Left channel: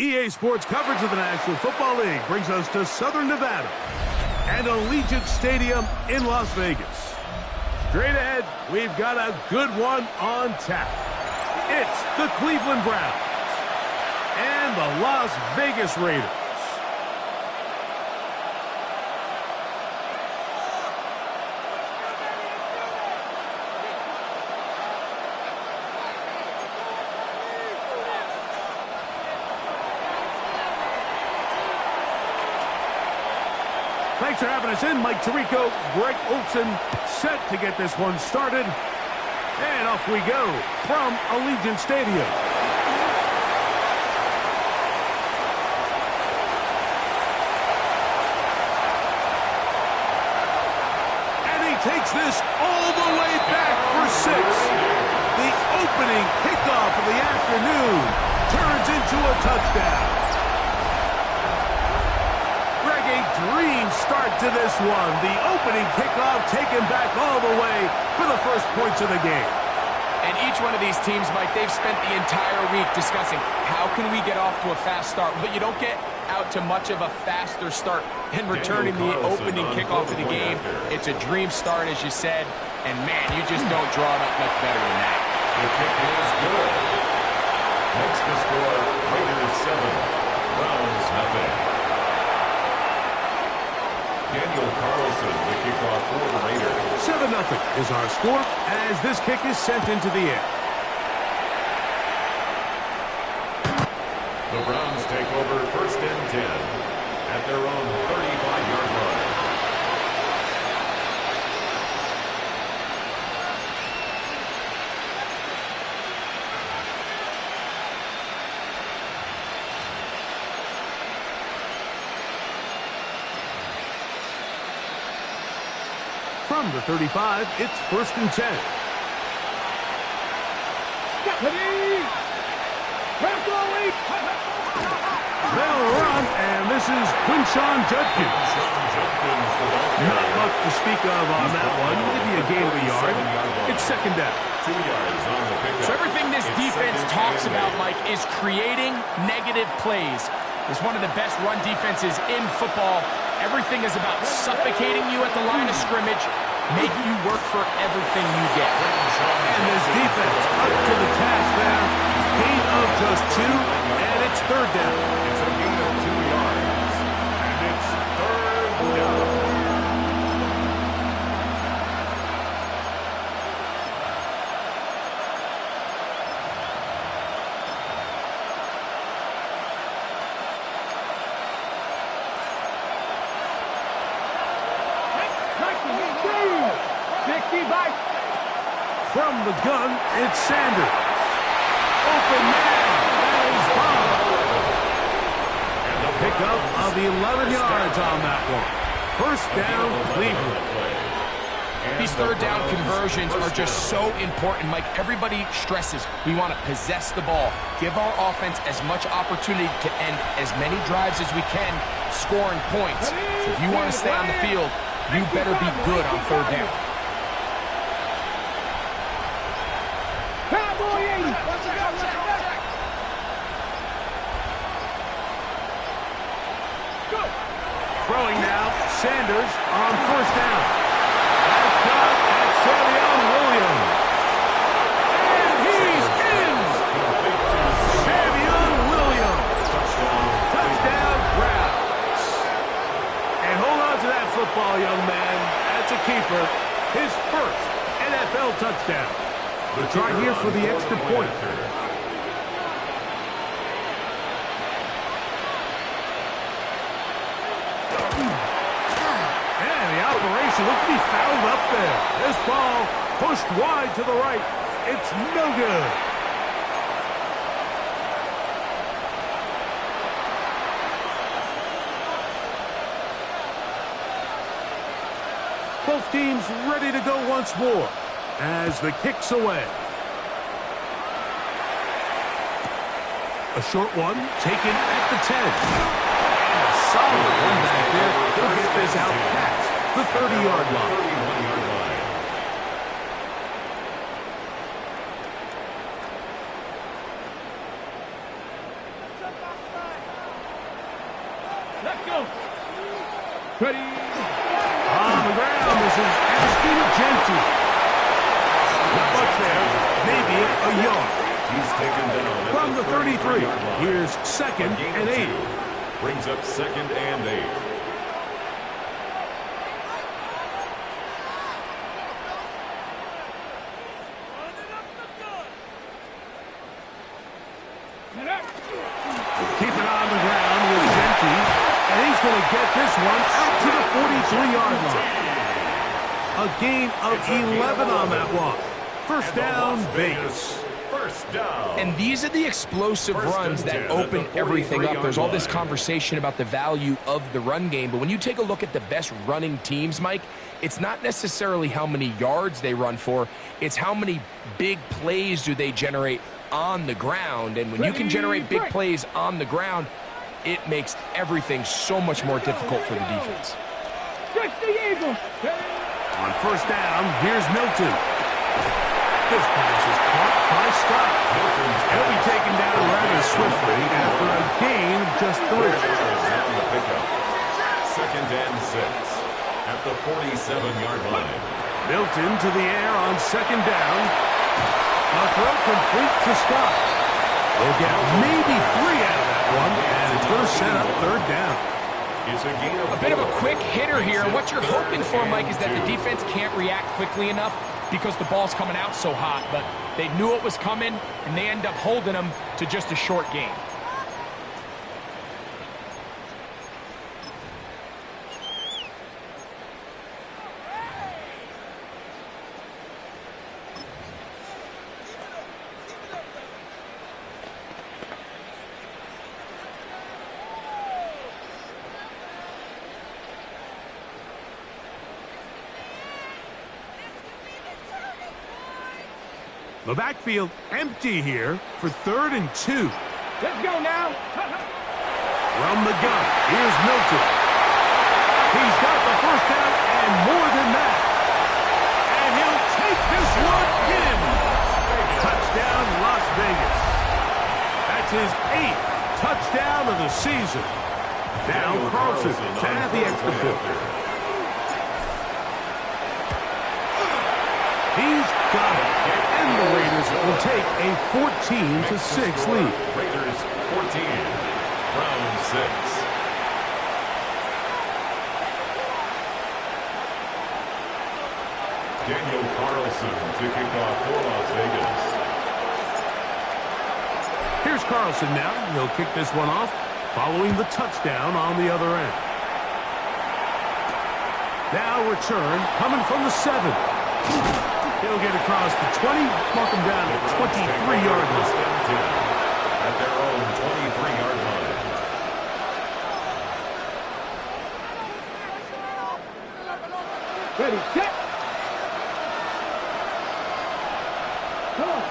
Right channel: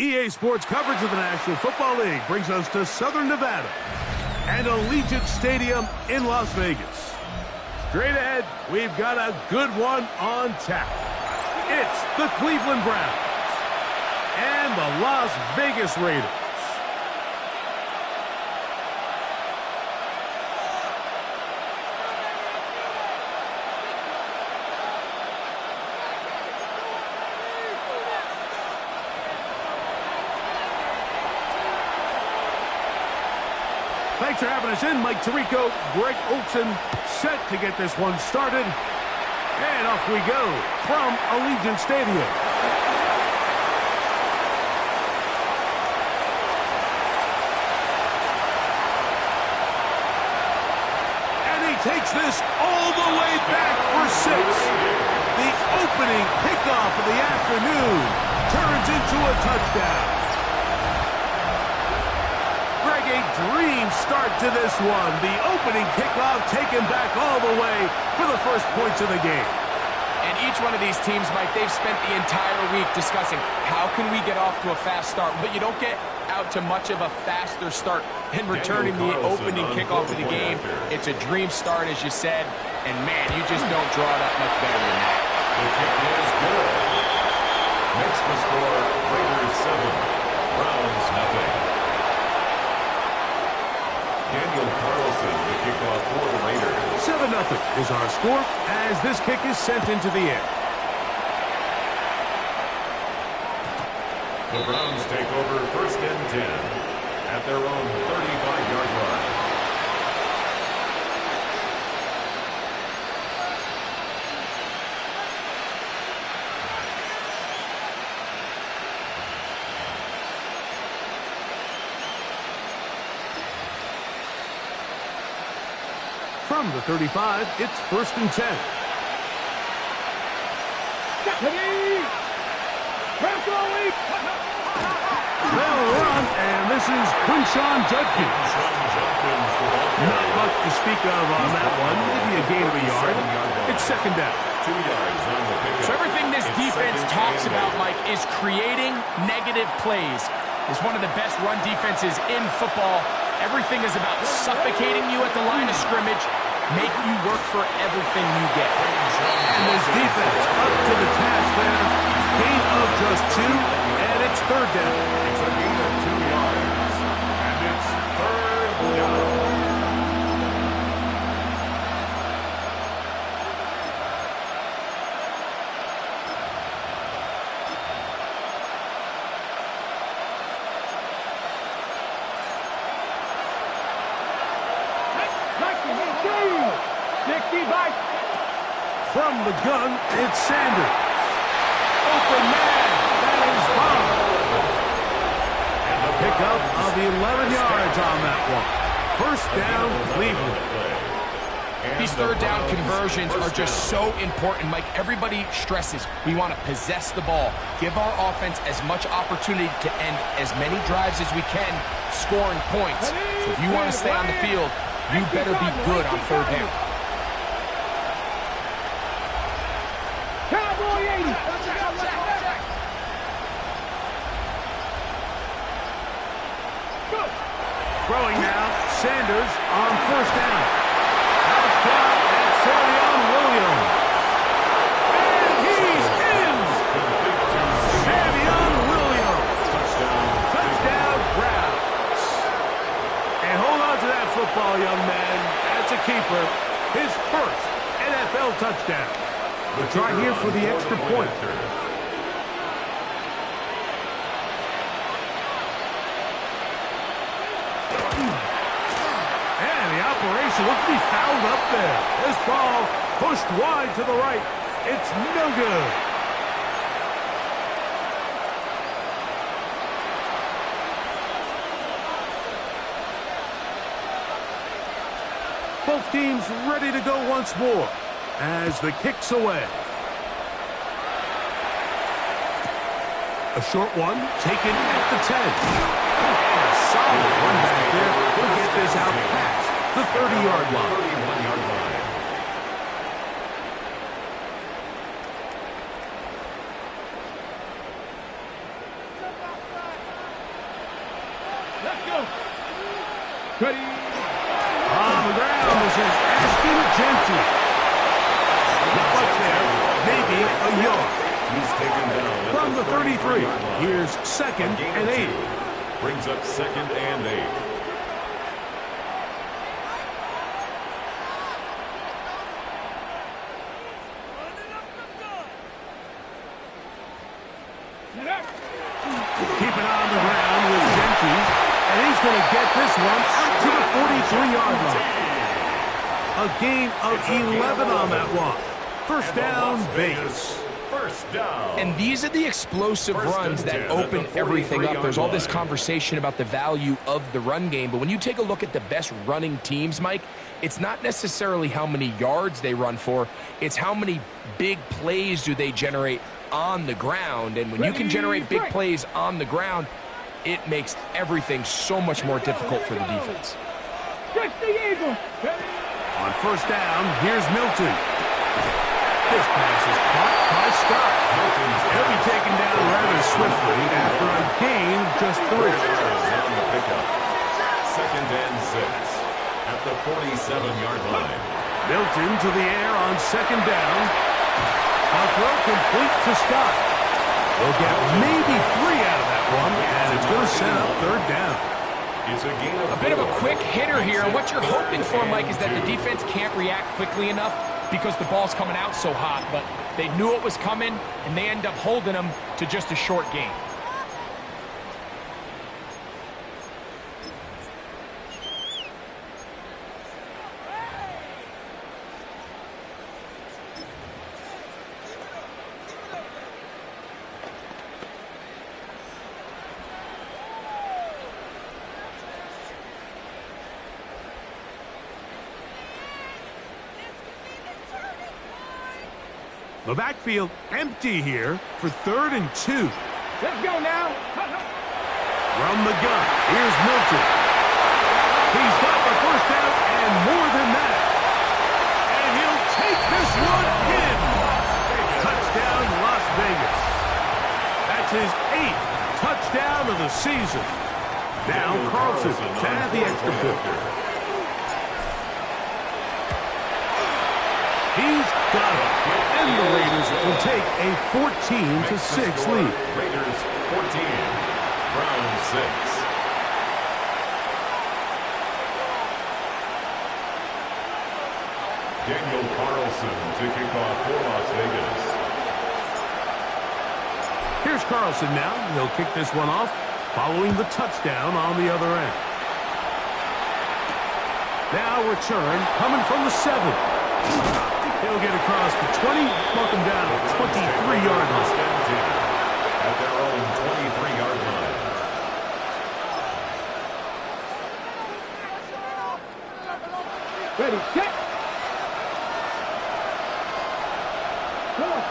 EA Sports coverage of the National Football League brings us to Southern Nevada and Allegiant Stadium in Las Vegas. Straight ahead, we've got a good one on tap. It's the Cleveland Browns and the Las Vegas Raiders. Thanks for having us in. Mike Tirico, Greg Olson, set to get this one started. And off we go from Allegiant Stadium. And he takes this all the way back for 6. The opening kickoff of the afternoon turns into a touchdown. Greg, a dream start to this one. The opening kickoff taken back all the way for the first points of the game. And each one of these teams, Mike, they've spent the entire week discussing how can we get off to a fast start. Well, you don't get out to much of a faster start than returning the opening kickoff of the game. It's a dream start, as you said, and man, you just don't draw it up much better than that. The kick is good. Makes the score Raiders 7, Browns 0. Daniel Carlson, the kickoff for the Raiders. 7-0 is our score as this kick is sent into the air. The Browns take over 1st and 10 at their own 35-yard line. From the 35, it's 1st and 10. They'll run, and this is Quinshawn Judkins. Not much to speak of on that one. Maybe a gain of a yard. It's 2nd down. 2 yards on the pickup. So everything this defense talks about, Mike, is creating negative plays. It's one of the best run defenses in football. Everything is about suffocating you at the line of scrimmage, making you work for everything you get. And this defense up to the task there. Gain of just 2, and it's 3rd down. It's a gain of 2 yards, and it's 3rd down. From the gun, it's Sanders. Open man, that is Bob. Pickup of 11 yards on that one. 1st down, Cleveland. These 3rd down conversions are just so important, Mike. Everybody stresses we want to possess the ball, give our offense as much opportunity to end as many drives as we can, scoring points. So if you want to stay on the field, you better be good on 3rd down. Throwing now, Sanders on 1st down. That's caught at Savion Williams. And he's in! Savion Williams. Touchdown, Browns. And hold on to that football, young man. That's a keeper. His 1st NFL touchdown. We'll try here for the extra point. And the operation looked to be fouled up there. This ball pushed wide to the right. It's no good. Both teams ready to go once more as the kick's away. A short one taken at the 10. And a solid one back there. He'll get this out past the 30-yard line. 31-yard line. On the ground, this is Ashton Genty. Not much there, maybe a yard. He's taken down From the 33, here's second and 8. Brings up second and 8. Keep it on the ground with Genty, and he's going to get this one out to the 43-yard line. A gain of 11 on that one. First down, Vegas. First down. And these are the explosive runs that open everything up. There's all this conversation about the value of the run game, but when you take a look at the best running teams, Mike, it's not necessarily how many yards they run for, it's how many big plays do they generate on the ground. And when you can generate big plays on the ground, it makes everything so much more difficult for the defense. On first down, here's Milton. This pass is caught by Scott. He'll be taken down rather swiftly after a gain of just 3. On the pickup. Second and 6 at the 47-yard line. Milton to the air on second down. A throw complete to Scott. They'll get maybe 3 out of that one, and it's going to set up third down. It's a gain of a bit of a quick hitter here. What you're hoping for, Mike, is that the defense can't react quickly enough because the ball's coming out so hot, but they knew it was coming, and they end up holding them to just a short gain. The backfield empty here for 3rd and 2. Let's go now. From the gun, here's Milton. He's got the first down and more than that. And he'll take this one in. Touchdown, Las Vegas. That's his 8th touchdown of the season. Now Carlson to add the extra point. He's got it. And the Raiders will take a 14-6 lead. Raiders 14, Browns 6. Daniel Carlson to kick off for Las Vegas. Here's Carlson now. He'll kick this one off following the touchdown on the other end. Now return coming from the 7. He'll get across the 20, mark him down at 23-yard line. At their own 23-yard line. Ready, set.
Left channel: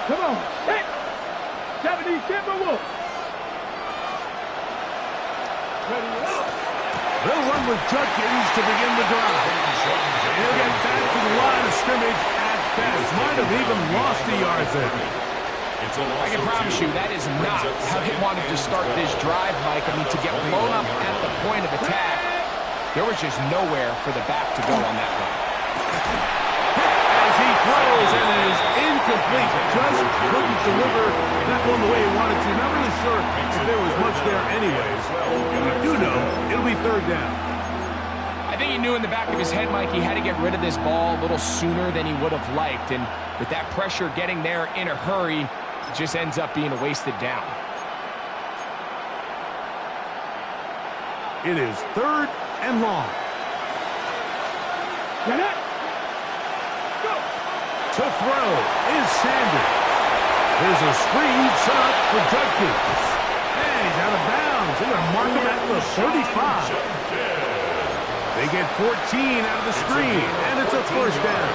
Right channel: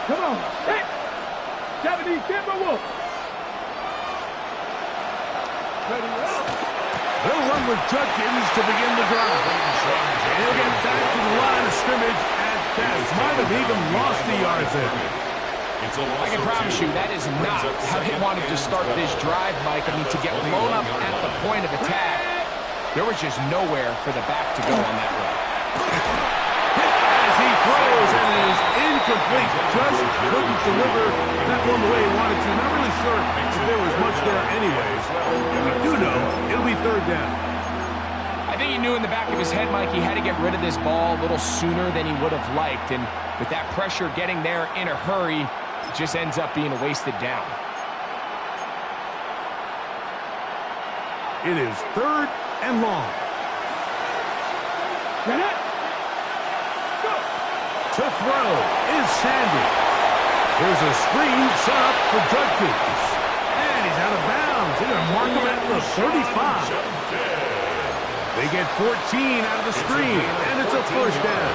Come on, set. 70 Timberwolves. Ready, up. They'll run with Judkins to begin the drive. He'll get back to the line of scrimmage at best. Might have even lost a yard there. I can promise you that is not how he wanted to start this drive, Mike. I mean, to get blown up at the point of attack, there was just nowhere for the back to go on that run. As he throws, and it is incomplete. Just couldn't deliver that one the way he wanted to. Not really sure if there was much there anyways. We do know it'll be third down. I think he knew in the back of his head, Mike, he had to get rid of this ball a little sooner than he would have liked. And with that pressure getting there in a hurry, it just ends up being a wasted down. It is 3rd and long. Get it. To throw is Sanders. Here's a screen set up for Judkins. And he's out of bounds. They're going to mark him at the 35. They get 14 out of the screen, and it's a first down.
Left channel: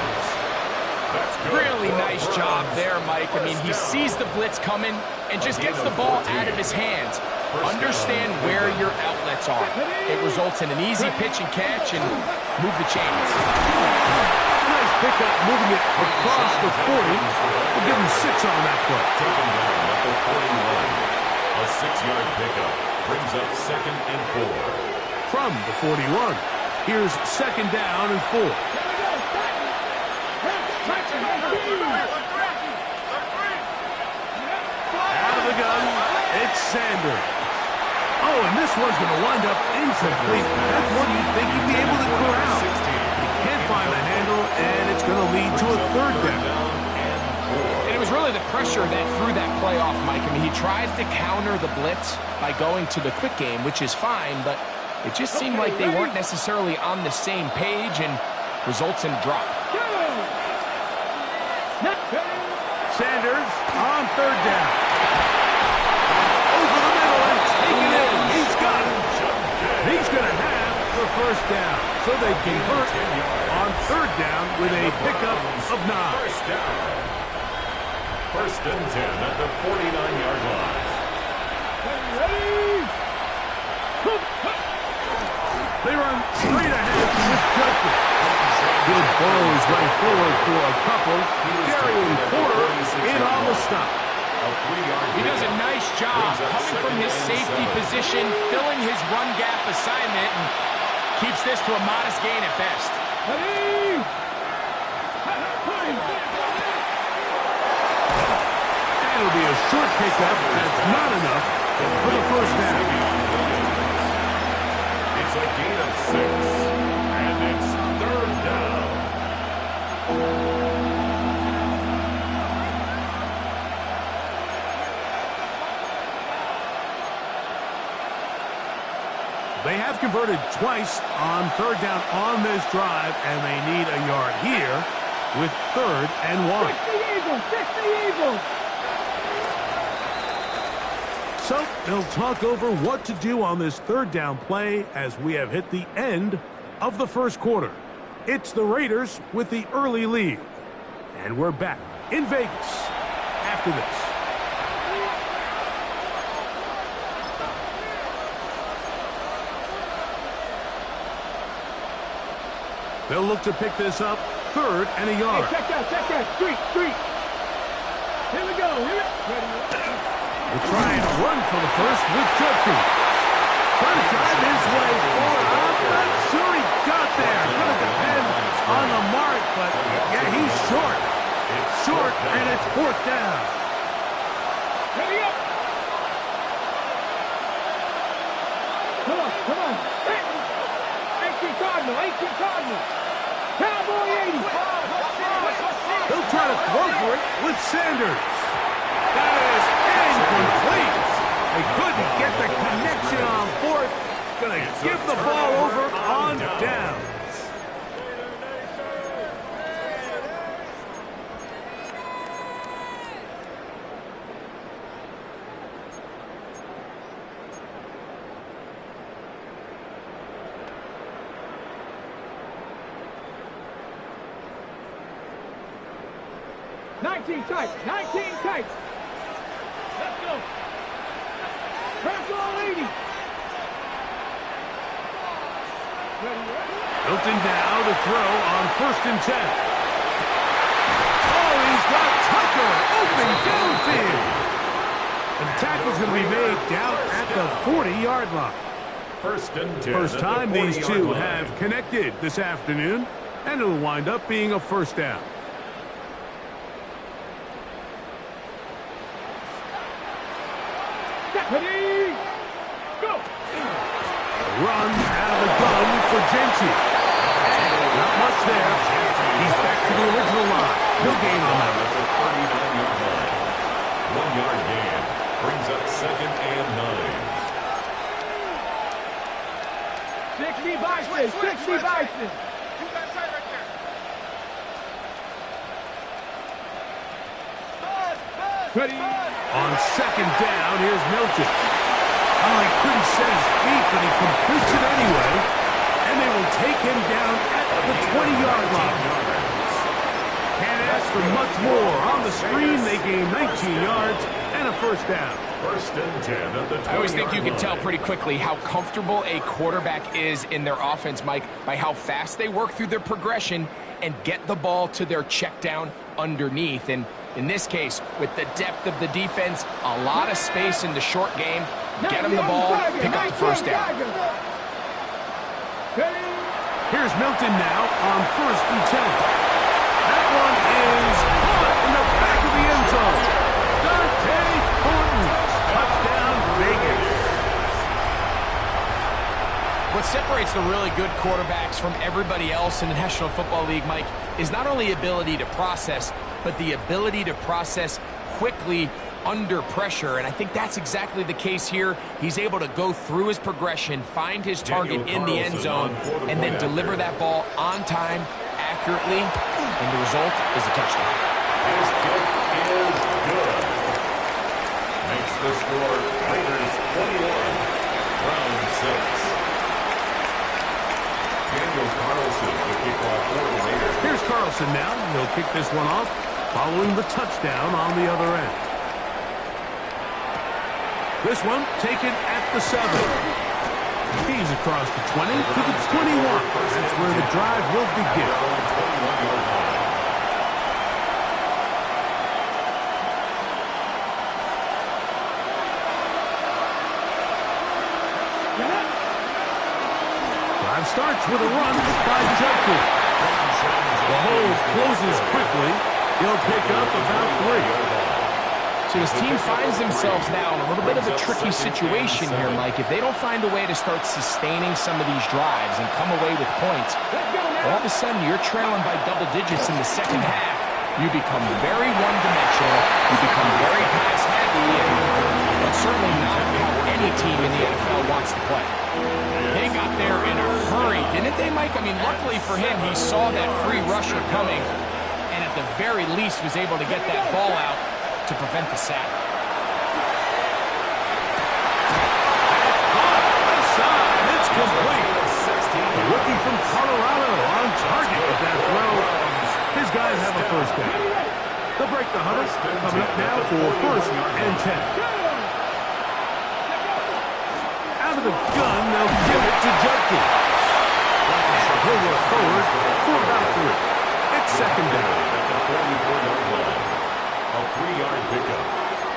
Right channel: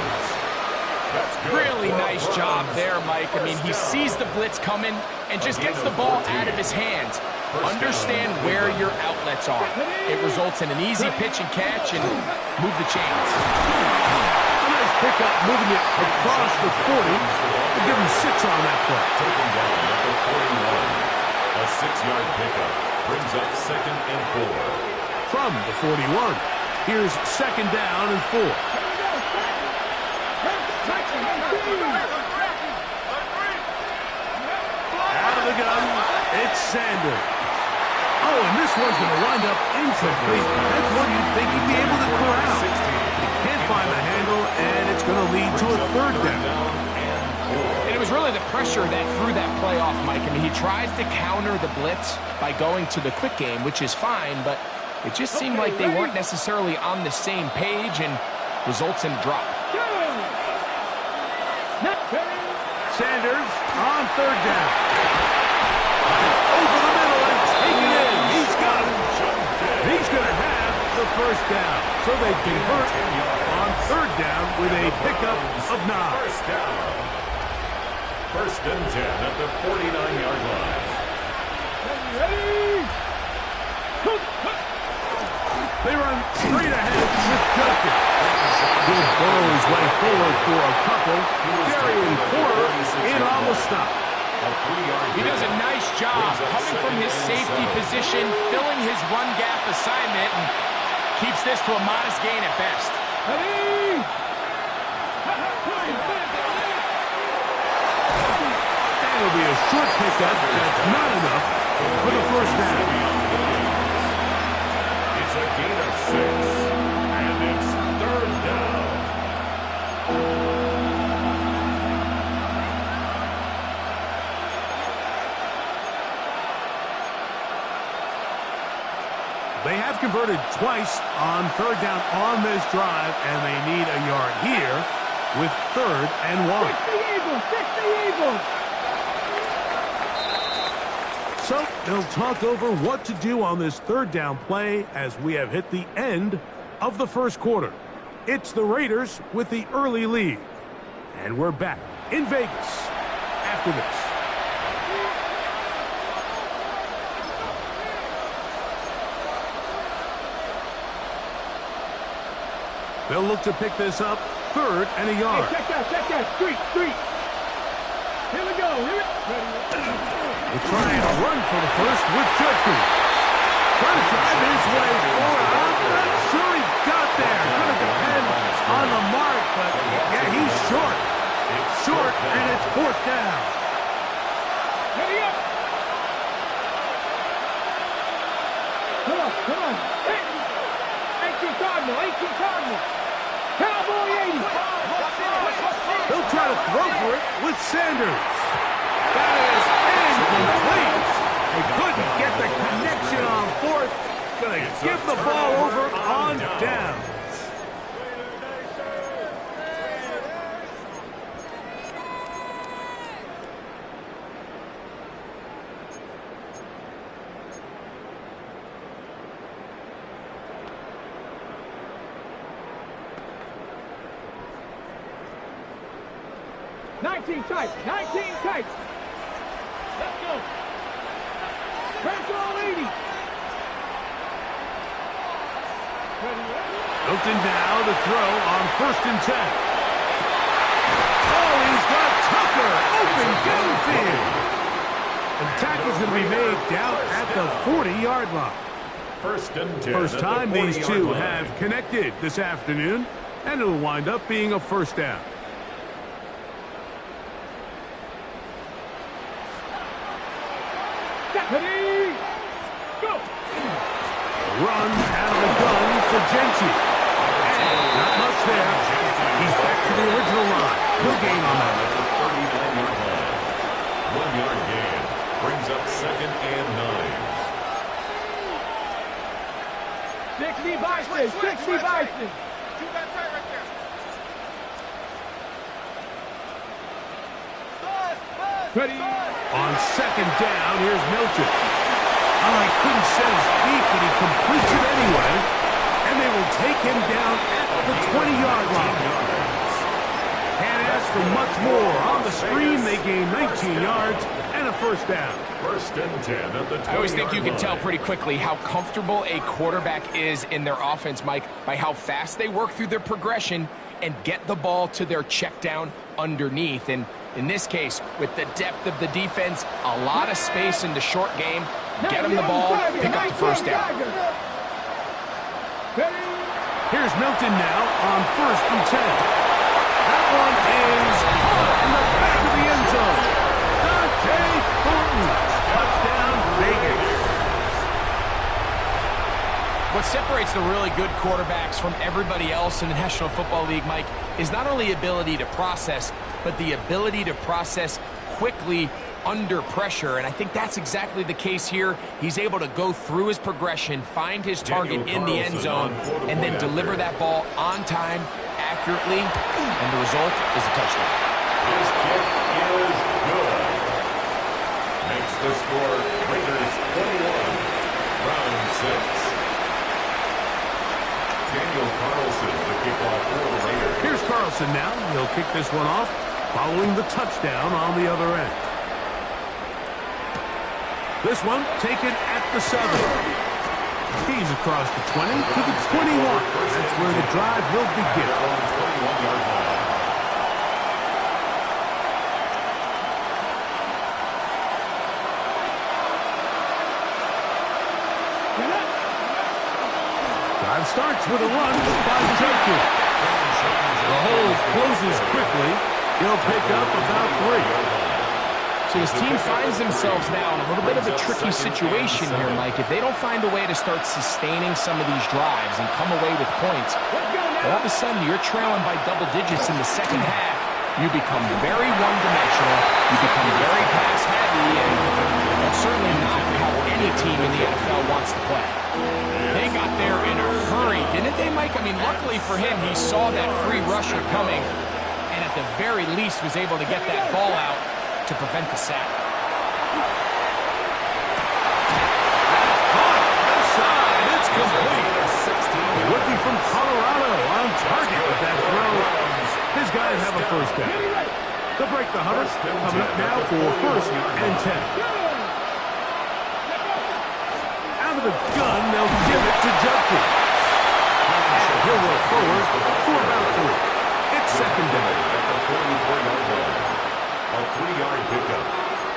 Really nice job there, Mike. I mean, he sees the blitz coming and just gets the ball out of his hands. Understand where your outlets are. It results in an easy pitch and catch and move the chains. A nice pickup, moving it across the 40. We'll give him 6 on that play. Taken down at the 41. A 6-yard pickup brings up 2nd and 4. From the 41. Here's second down and 4. Out of the gun, it's Sanders. Oh, and this one's going to wind up incomplete. That's one you'd think he'd be able to corral. He can't find the handle, and it's going to lead to a third down. And it was really the pressure that threw that play off, Mike. I mean, he tries to counter the blitz by going to the quick game, which is fine, but it just seemed like they weren't necessarily on the same page and results in a drop. Sanders on third down. Over the middle and taken in. He's got it. He's going to have the first down. So they convert on third down with a pickup of 9. First and 10 at the 49-yard line. Ready? They run straight ahead with Judkins. He'll burrow his way forward for a couple. Darian Porter in on the stop. He does a nice job coming from his safety position, filling his run gap assignment, and keeps this to a modest gain at best. Ready? And it'll be a short pickup. That's not enough for the first down. It's a gain of 6, and it's third down. They have converted twice on third down on this drive, and they need a yard here with third and 1. Fix the Eagles! Fix the Eagles! So they'll talk over what to do on this third down play as we have hit the end of the first quarter. It's the Raiders with the early lead. And we're back in Vegas after this. They'll look to pick this up third and a yard. Hey, check that. Street. Here we go. Ready? We'll try and run for the first with Judkins. Trying to drive his way forward. I'm not sure he got there. Going to depend on the mark, but yeah, he's short. It's short, and it's fourth down. Ready up! Come on. Hey. 18 Cardinal. Cowboy 80. He'll try to throw for it with Sanders. That is incomplete. They couldn't get the connection on fourth. Going to give the ball over on down. Nineteen tight. Let's go. Press all 80. Hilton now to throw on first and 10. Oh, he's got Tucker open downfield. And the tackle's going to be made down at the 40-yard line. First and 10. First time these two have connected this afternoon, and it'll wind up being a first down. Ready? Go! Run out of the gun for Genty. Not much there. He's back to the original line. No gain on that. At the 39-yard line. 1-yard gain brings up second and 9. 60 Bison. Keep that tight right there. Ready? On second down, here's Milton. Oh, he couldn't set his feet, but he completes it anyway. And they will take him down at the 20-yard line. Can't ask for much more. On the screen, they gain 19 yards and a first down. First and 10 at the 20-yard line. I always think you can tell pretty quickly how comfortable a quarterback is in their offense, Mike, by how fast they work through their progression and get the ball to their check down underneath. And in this case, with the depth of the defense, a lot of space in the short game, get them the ball, pick up the first down. Here's Milton now on 1st and 10. That one is caught in the back of the end zone. Dante Thornton. Touchdown, Vegas. What separates the really good quarterbacks from everybody else in the National Football League, Mike, is not only ability to process, but the ability to process quickly under pressure. And I think that's exactly the case here. He's able to go through his progression, find his target in the end zone, and then deliver that ball on time, accurately, and the result is a touchdown. His kick is good. Makes the score Raiders 21, Browns 6. Daniel Carlson, the kickoff for the Raiders. Here's Carlson now. He'll kick this one off following the touchdown on the other end. This one taken at the 7. He's across the 20 to the 21. That's where the drive will begin. 21-yard line. Drive starts with a run by Judkins. The hole closes quickly. He'll pick up about 3. So this team finds themselves now in a little bit of a tricky situation here, Mike. If they don't find a way to start sustaining some of these drives and come away with points, all of a sudden you're trailing by double digits in the second half. You become very one-dimensional. You become very pass-heavy, and that's certainly not how any team in the NFL wants to play. They got there in a hurry, didn't they, Mike? I mean, luckily for him, he saw that free rusher coming, and at the very least was able to get that ball out to prevent the sack. That's caught. Left side. It's complete. A rookie from Colorado on target with that throw. His guys have a first down. They'll break the 100. Coming up now for 1st and 10. Out of the gun, they'll give it to Judkins. And he'll work forward for about 3. It's 2nd down. At the 44-yard line. A 3-yard pickup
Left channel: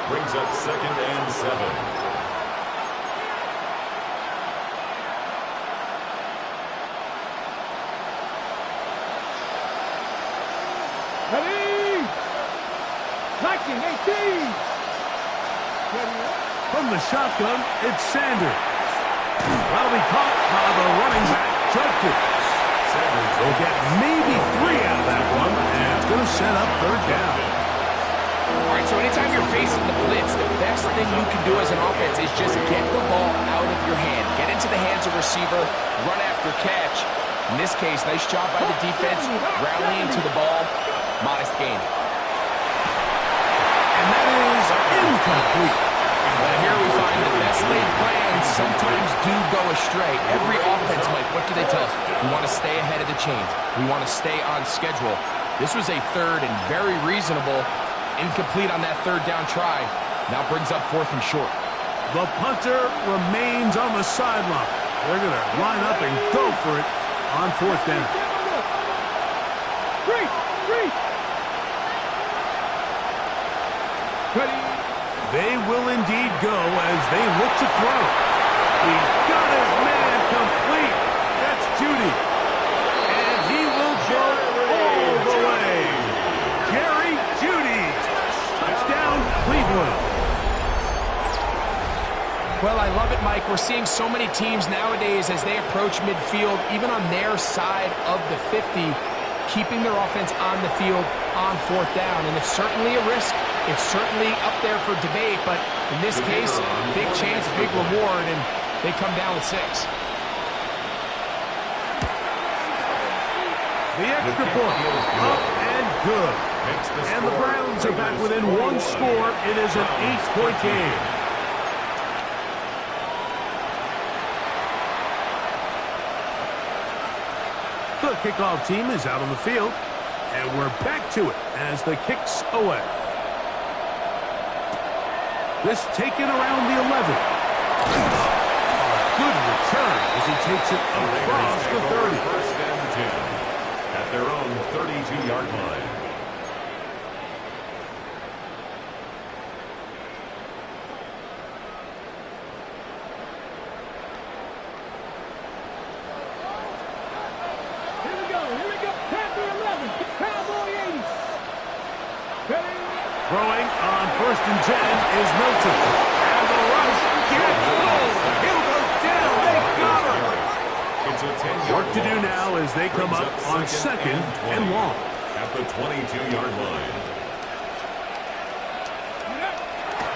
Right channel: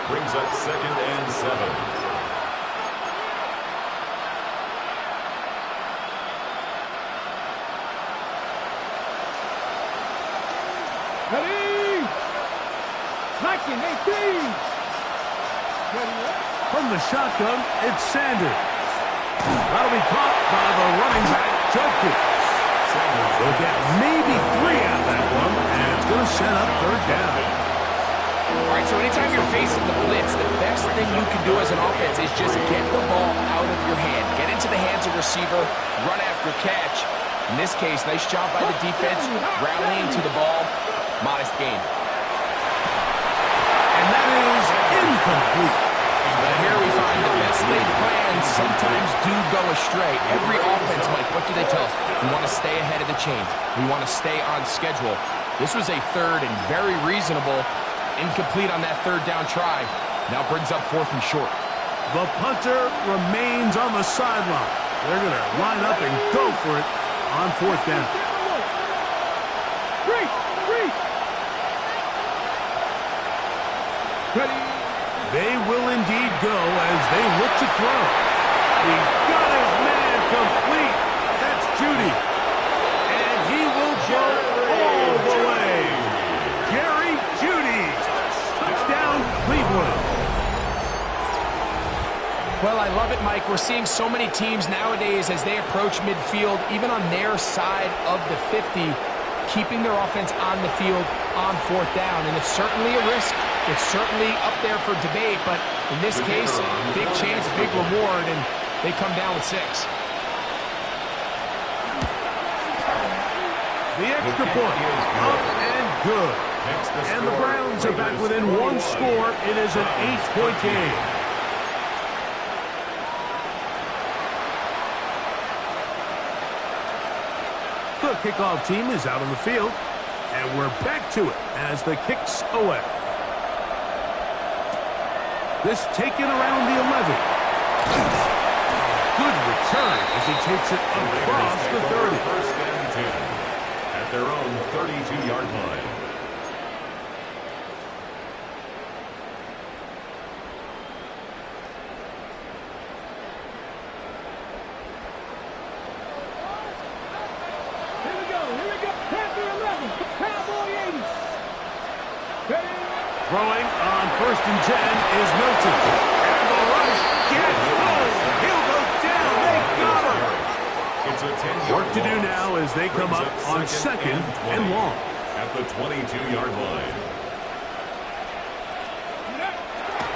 brings up 2nd and 7. Ready! Knocking 18! Ready, From the shotgun, it's Sanders. That'll be caught by the running back, Judkins. Sanders will get maybe 3 out of that one, and it's going to set up 3rd down. All right, so anytime you're facing the blitz, the best thing you can do as an offense is just get the ball out of your hand. Get into the hands of receiver, run after catch. In this case, nice job by the defense, rallying to the ball. Modest gain. And that is incomplete. But here we find the best laid plans sometimes do go astray. Every offense, Mike, what do they tell us? We want to stay ahead of the chains. We want to stay on schedule. This was a 3rd and very reasonable. Incomplete on that 3rd down try. Now brings up 4th and short. The punter remains on the sideline. They're going to line up and go for it on 4th down. 3! Ready? They will indeed go as they look to throw. He's got his man complete. That's Judy. And he will go all the way. Jerry Judy. Touchdown, Cleveland. Well, I love it, Mike. We're seeing so many teams nowadays as they approach midfield, even on their side of the 50, keeping their offense on the field on 4th down. And it's certainly a risk. It's certainly up there for debate, but in this case, big chance, big reward, and they come down with 6. The extra point, up and good. And the Browns are back within 1 score. It is an 8-point game. The kickoff team is out on the field, and we're back to it as the kick's away. This taken around the 11. Good return as he takes it across the 30. 1st and 10 at their own 32-yard line. Here we go. Panther 11. Cowboy 80. Ready? Throwing on 1st and 10 is Milton. And the rush gets home. He'll go down. They got him. It's a 10-yard Work to do now as they come up on 2nd and long. At the 22-yard line.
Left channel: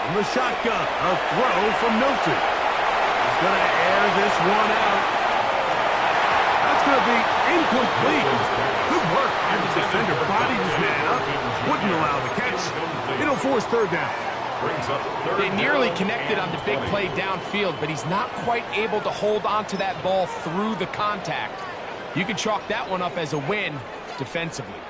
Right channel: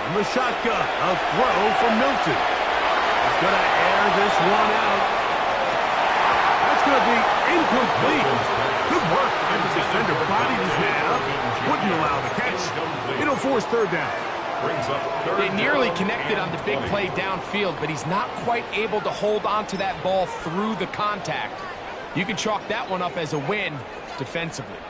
On the shotgun, a throw from Milton. He's going to air this one out. That's going to be incomplete. Good work. And the defender bodied his man up. Wouldn't allow the catch. It'll force 3rd down. They nearly connected on the big play downfield, but he's not quite able to hold on to that ball through the contact. You can chalk that one up as a win defensively.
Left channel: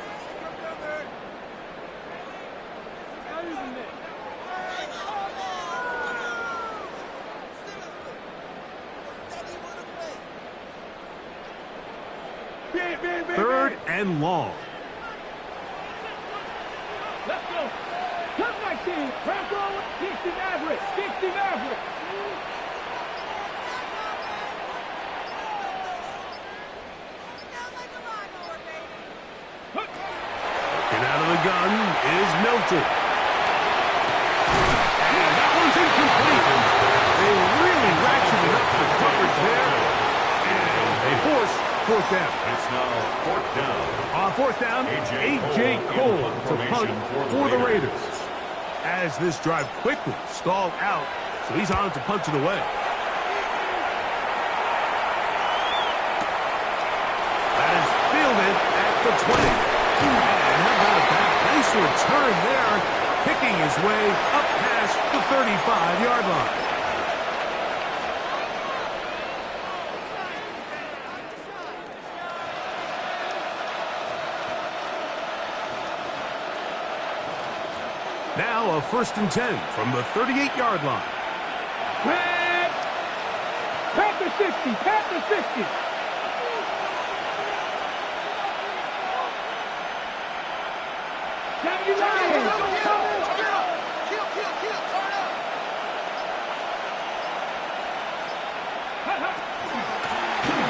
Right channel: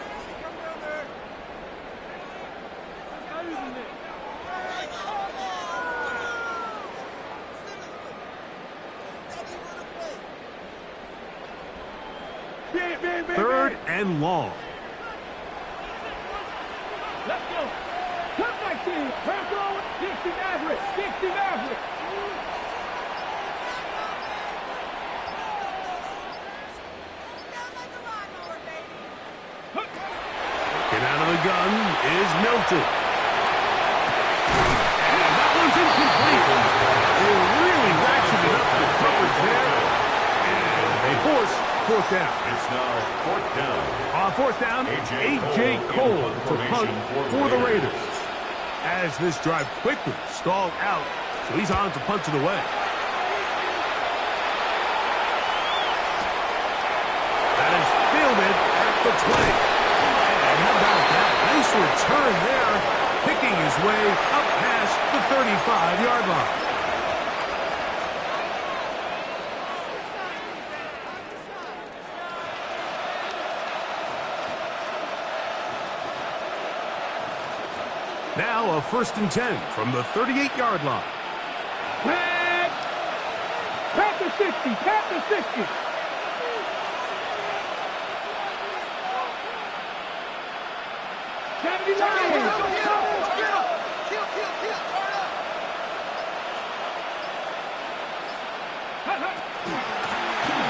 Third and long. Let's go. Cut 19. Bronco. 60 Maverick. 60 Maverick. Working out of the gun is Milton. And that one's incomplete. They really ratcheted up the coverage there. And they force 4th down. It's now 4th down. On 4th down, A.J. Cole to punt for the Raiders. As this drive quickly stalled out, so he's on to punt it away. That is fielded at the 20. And how about that? Nice return there, picking his way up past the 35-yard line. Now a 1st and 10 from the 38-yard line. Panther 60. Panther 60. Kill. Turn up.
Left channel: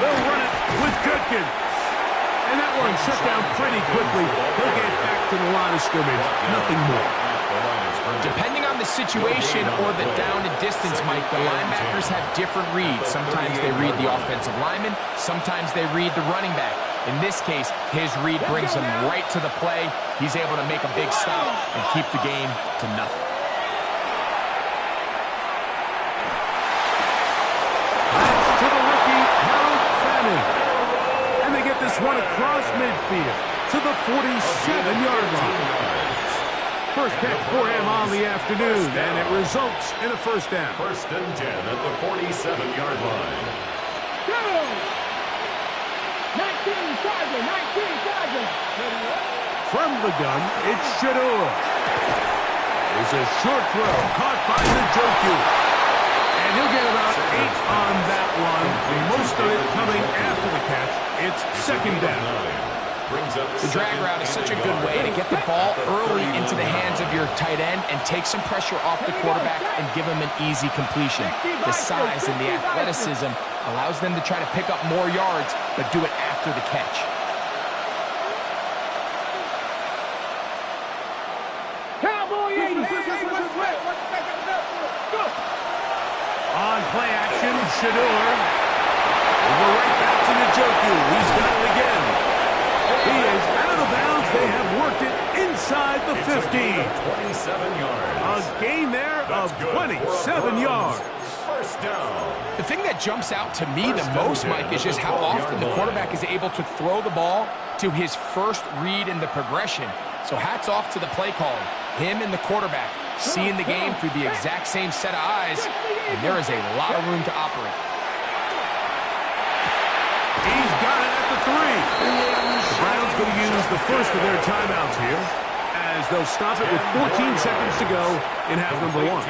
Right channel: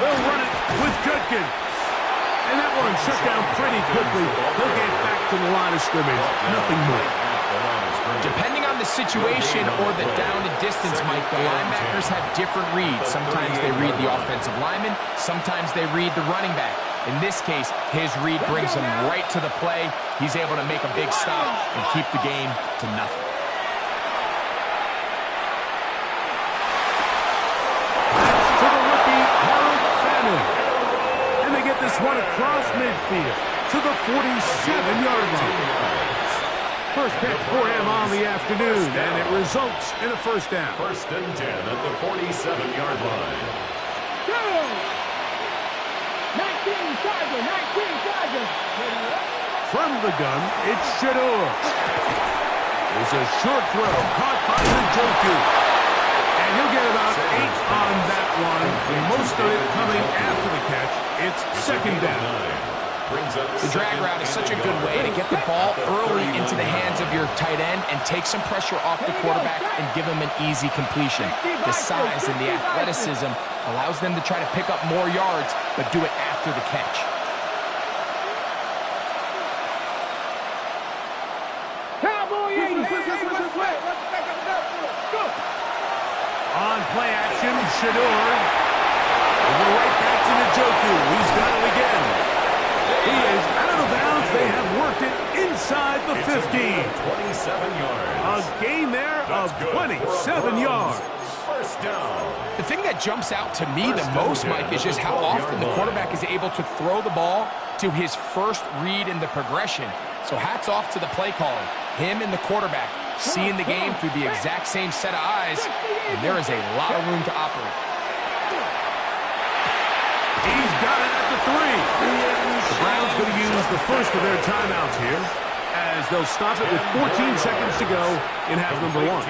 They'll run it with Judkins. And that one shut down pretty quickly. He'll get back to the line of scrimmage. Nothing more. Depending on the situation or the down and distance, Mike, the linebackers have different reads. Sometimes they read the offensive lineman. Sometimes they read the running back. In this case, his read brings him right to the play. He's able to make a big stop and keep the game to nothing. That's to the rookie, Harold Fannin. And they get this one across midfield to the 47-yard line. First catch for him on the afternoon, and it results in a 1st down. 1st and 10 at the 47-yard line. Go! 19 Tiger. 19 Tiger. From the gun, it's Shador. It's a short throw caught by Njoku. And he'll get about 8 on that one. Most of it coming after the catch. It's 2nd down. The drag route is such a good way to get the ball early into the hands of your tight end and take some pressure off the quarterback and give him an easy completion. The size and the athleticism allows them to try to pick up more yards, but do it after the catch. Cowboy 80. On play action, Shador. Over right back to Njoku. He's got it again. He is out of bounds. They have worked it inside the 15. 27 yards. A gain there of 27 yards. 1st down. The thing that jumps out to me the most, Mike, is just how often the quarterback is able to throw the ball to his first read in the progression. So hats off to the play calling. Him and the quarterback seeing the game through the exact same set of eyes, and there is a lot of room to operate. He's got it at the 3. The Browns going to use the first of their timeouts here, as they'll stop it with 14 seconds to go in half number 1.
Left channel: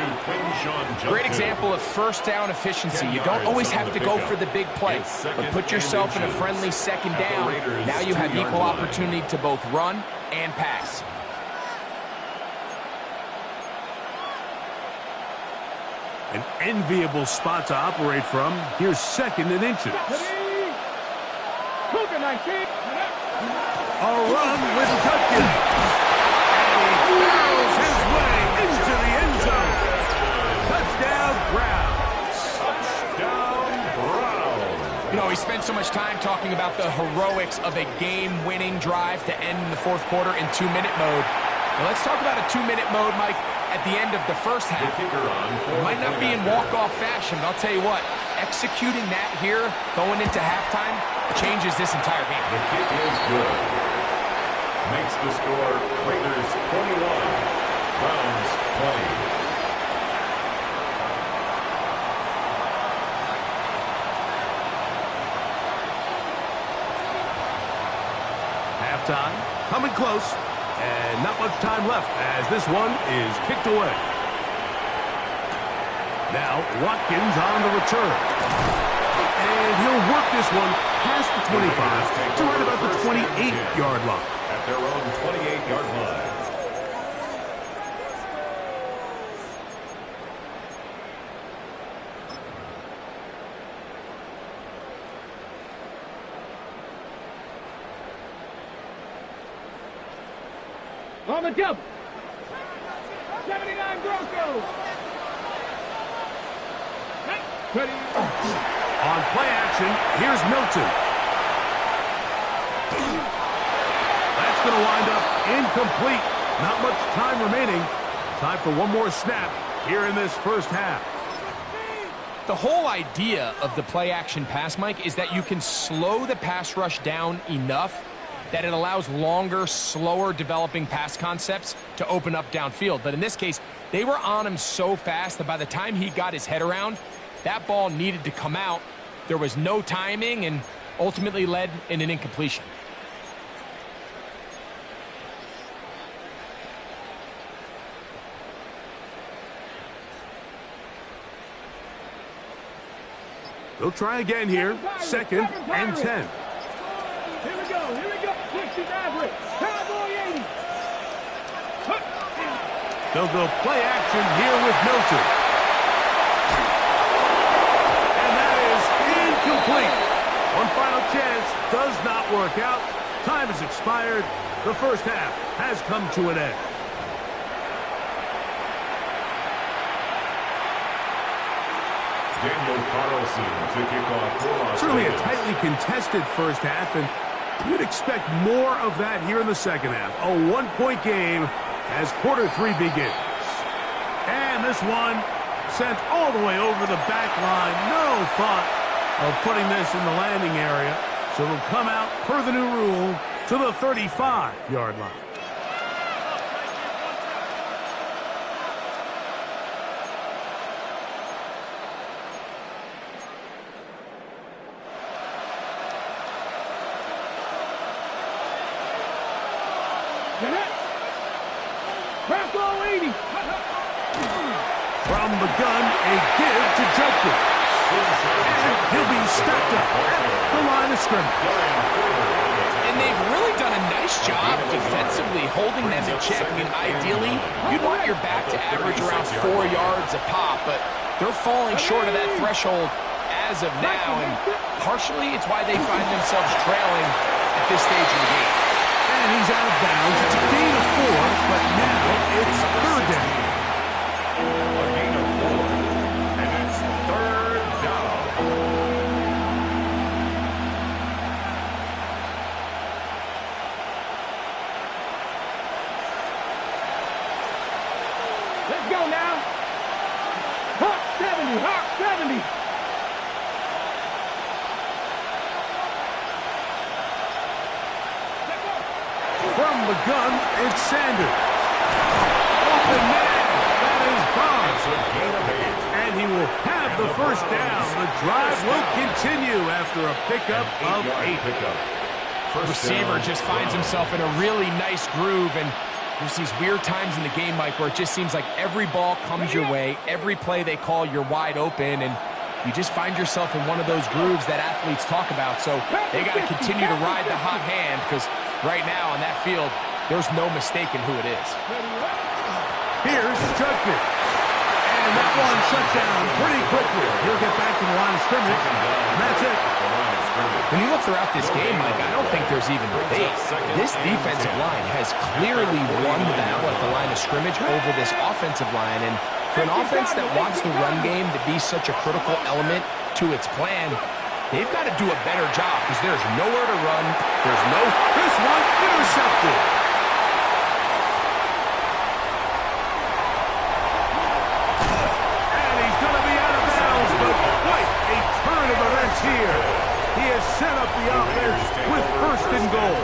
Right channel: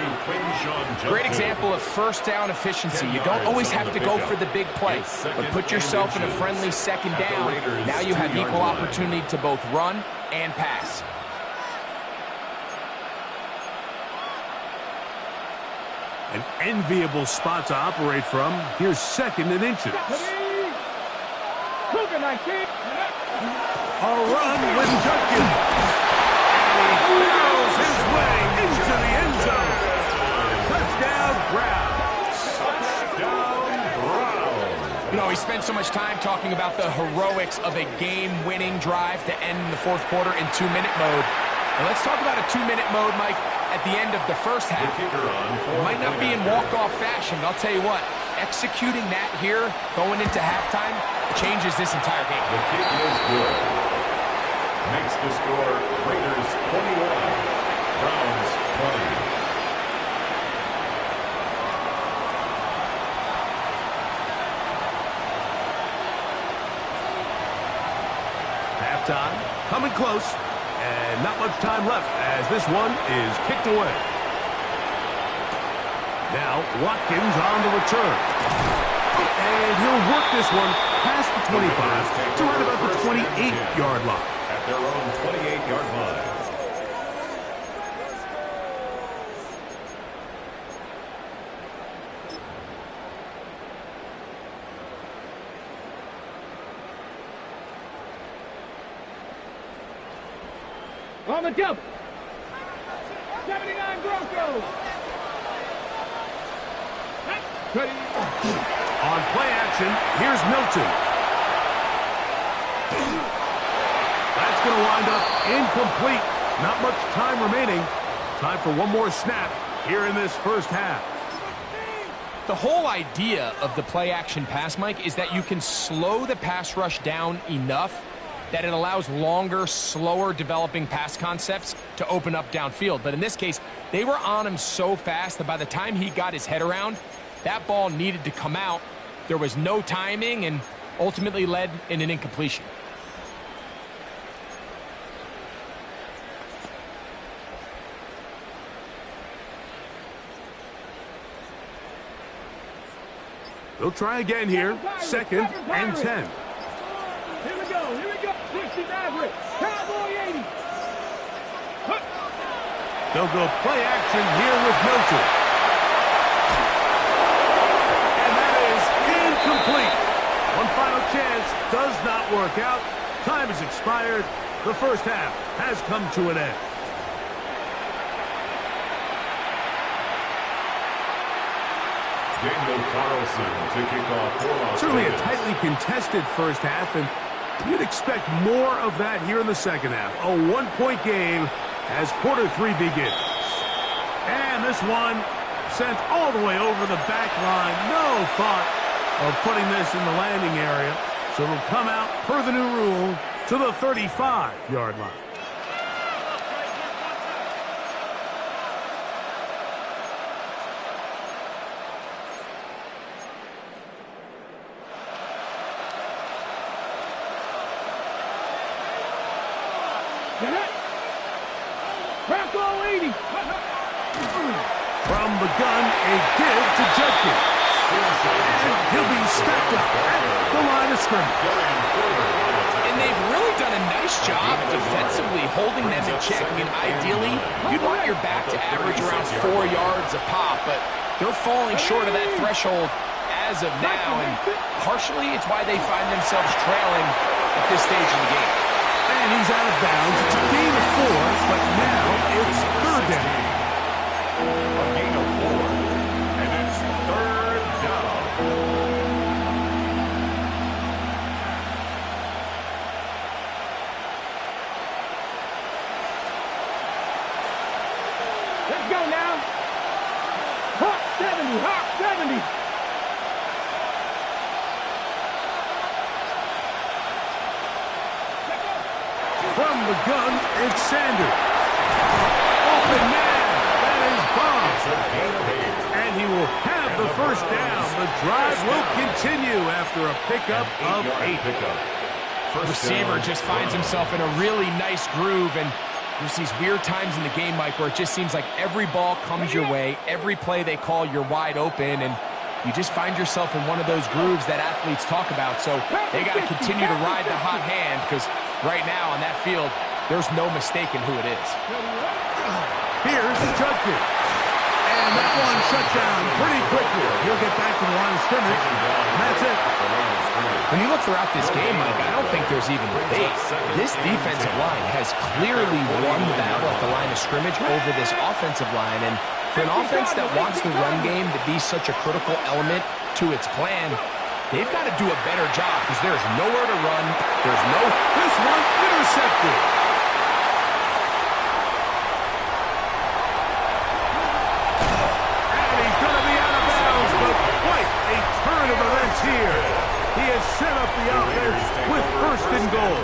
Great example of 1st down efficiency. You don't always have to go for the big play, but put yourself in a friendly 2nd down. Now you have equal opportunity to both run and pass. An enviable spot to operate from. Here's 2nd and inches. Cooking 19. A run with Judkins. And he barrels his way into the end zone. Touchdown, Browns. Touchdown, Browns. You know, we spent so much time talking about the heroics of a game-winning drive to end the fourth quarter in 2-minute mode. Now let's talk about a 2-minute mode, Mike, at the end of the first half. It might not be in walk-off fashion, but I'll tell you what, executing that here, going into halftime, changes this entire game. The kick is good. Makes the score Raiders 21, Browns 20. Halftime, coming close, and not much time left as this one is kicked away. Now, Watkins on the return. And he'll work this one past the 25 to right about the 28-yard line. At their own 28-yard line. On the double. 79 Broncos. Ready. On play action, here's Milton. That's going to wind up incomplete. Not much time remaining. Time for one more snap here in this first half. The whole idea of the play action pass, Mike, is that you can slow the pass rush down enough that it allows longer, slower developing pass concepts to open up downfield. But in this case, they were on him so fast that by the time he got his head around, that ball needed to come out. There was no timing and ultimately led in an incompletion. They'll try again here. Second and 10. Here we go, here we go. 60 average. Cowboy 80. They'll go play action here with Milton. And that is incomplete. One final chance does not work out. Time has expired. The first half has come to an end. Daniel Carlson to kick off for Las Certainly a Vegas. tightly contested first half, and you'd expect more of that here in the second half. A one-point game as quarter three begins. And this one sent all the way over the back line. No thought of putting this in the landing area. So it'll come out, per the new rule, to the 35-yard line. Bronco 80. From the gun, a give to Judkins. And he'll be stacked up at the line of scrimmage. And they've really done a nice job defensively holding them in check. I mean, ideally, you'd want your back to average around 4 yards a pop, but they're falling short of that threshold as of now, and partially it's why they find themselves trailing at this stage in the game. And he's out of bounds. It's a gain of 4, but now it's third down. A gain of 4, and it's third down. Let's go now. Hawk 70, Hawk 70. From the gun, it's Sanders. Open man. That is Bob. It's a gain of 8. And he will have the first down. The drive will continue after a pickup of 8. Receiver just finds himself in a really nice groove, and there's these weird times in the game, Mike, where it just seems like every ball comes your way, every play they call, you're wide open, and you just find yourself in one of those grooves that athletes talk about. So they got to continue to ride the hot hand, because right now on that field, there's no mistaking who it is. Here's Judkins. And And that one shut down pretty quickly. He'll get back to the line of scrimmage, and that's it. When you look throughout this game, Mike, I don't think there's even debate. This defensive line has clearly won the battle at the line of scrimmage over this offensive line. And for an offense that wants the run game to be such a critical element to its plan, they've got to do a better job because there's nowhere to run. There's no... This one intercepted. And he's going to be out of bounds, but quite a turn of events here. He has set up the offense with first and goal.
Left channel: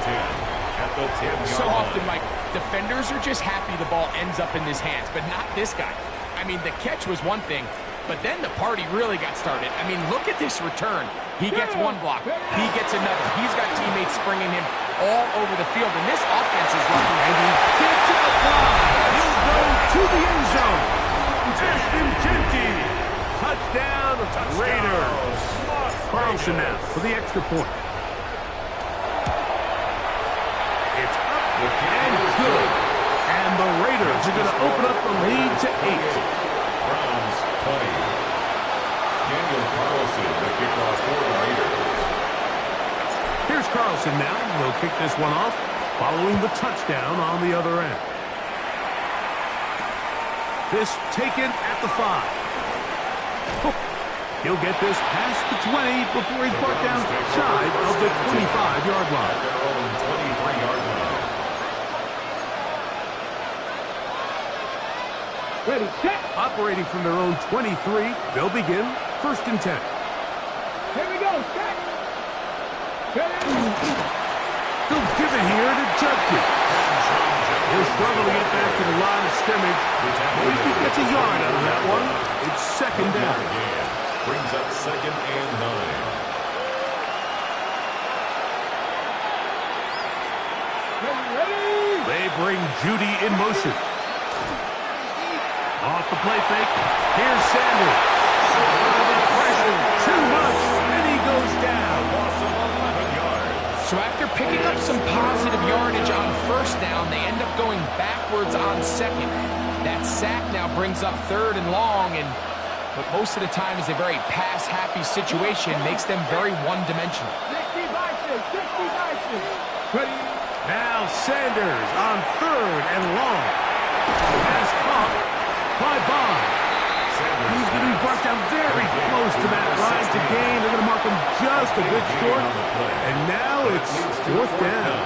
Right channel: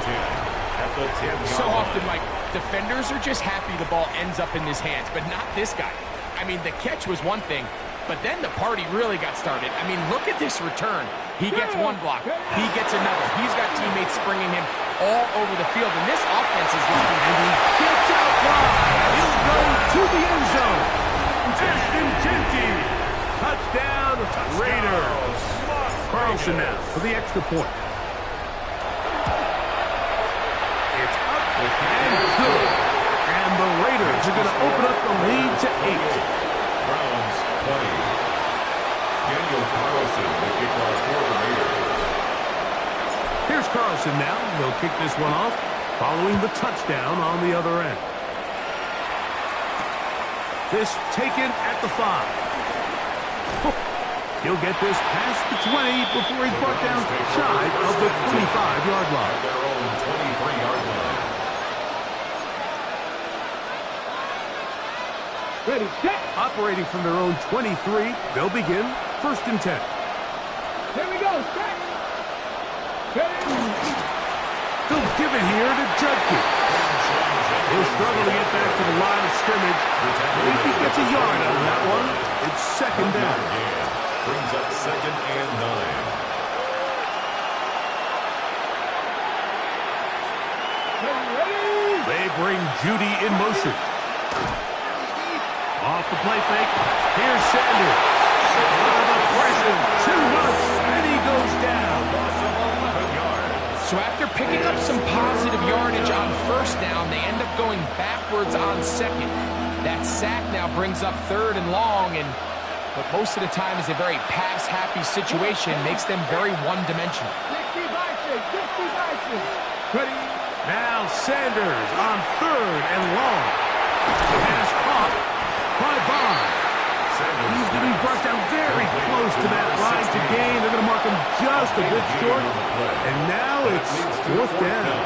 So often, Mike, defenders are just happy the ball ends up in his hands, but not this guy. I mean, the catch was one thing, but then the party really got started. I mean, look at this return. He gets one block. He gets another. He's got teammates springing him all over the field, and this offense is lucky. And he gets out wide. He'll go to the end zone. Ashton Genty. Touchdown, Raiders. Carlson now for the extra point. It's up and good. And the Raiders are going to open up the lead to 8. Browns 20. Daniel Carlson, the kickoff for the Raiders. Here's Carlson now. He'll kick this one off following the touchdown on the other end. This taken at the 5. He'll get this past the 20 before he's brought down shy of the 25-yard line. At their own 23-yard line. Ready, set. Operating from their own 23, they'll begin first and 10. Here we go, set. They'll give it here to Judkins. He'll struggle to get back to the line of scrimmage. Maybe he gets a yard out of that one. It's second down. Brings up 2nd and 9. Ready? They bring Judy in motion. Off the play fake. Here's Sanders. Out of the pressure. Too much. And he goes down. Loss of 11 yards. So after picking up some positive yardage on first down, they end up going backwards on second. That sack now brings up 3rd and long, and but most of the time is a very pass-happy situation, makes them very one-dimensional. 60 Bison, 60 Bison. Ready? Now Sanders on 3rd and long. Pass caught by Bond. He's going to be brought down very close to that line to gain. They're going to mark him just a bit short. And now it's 4th down.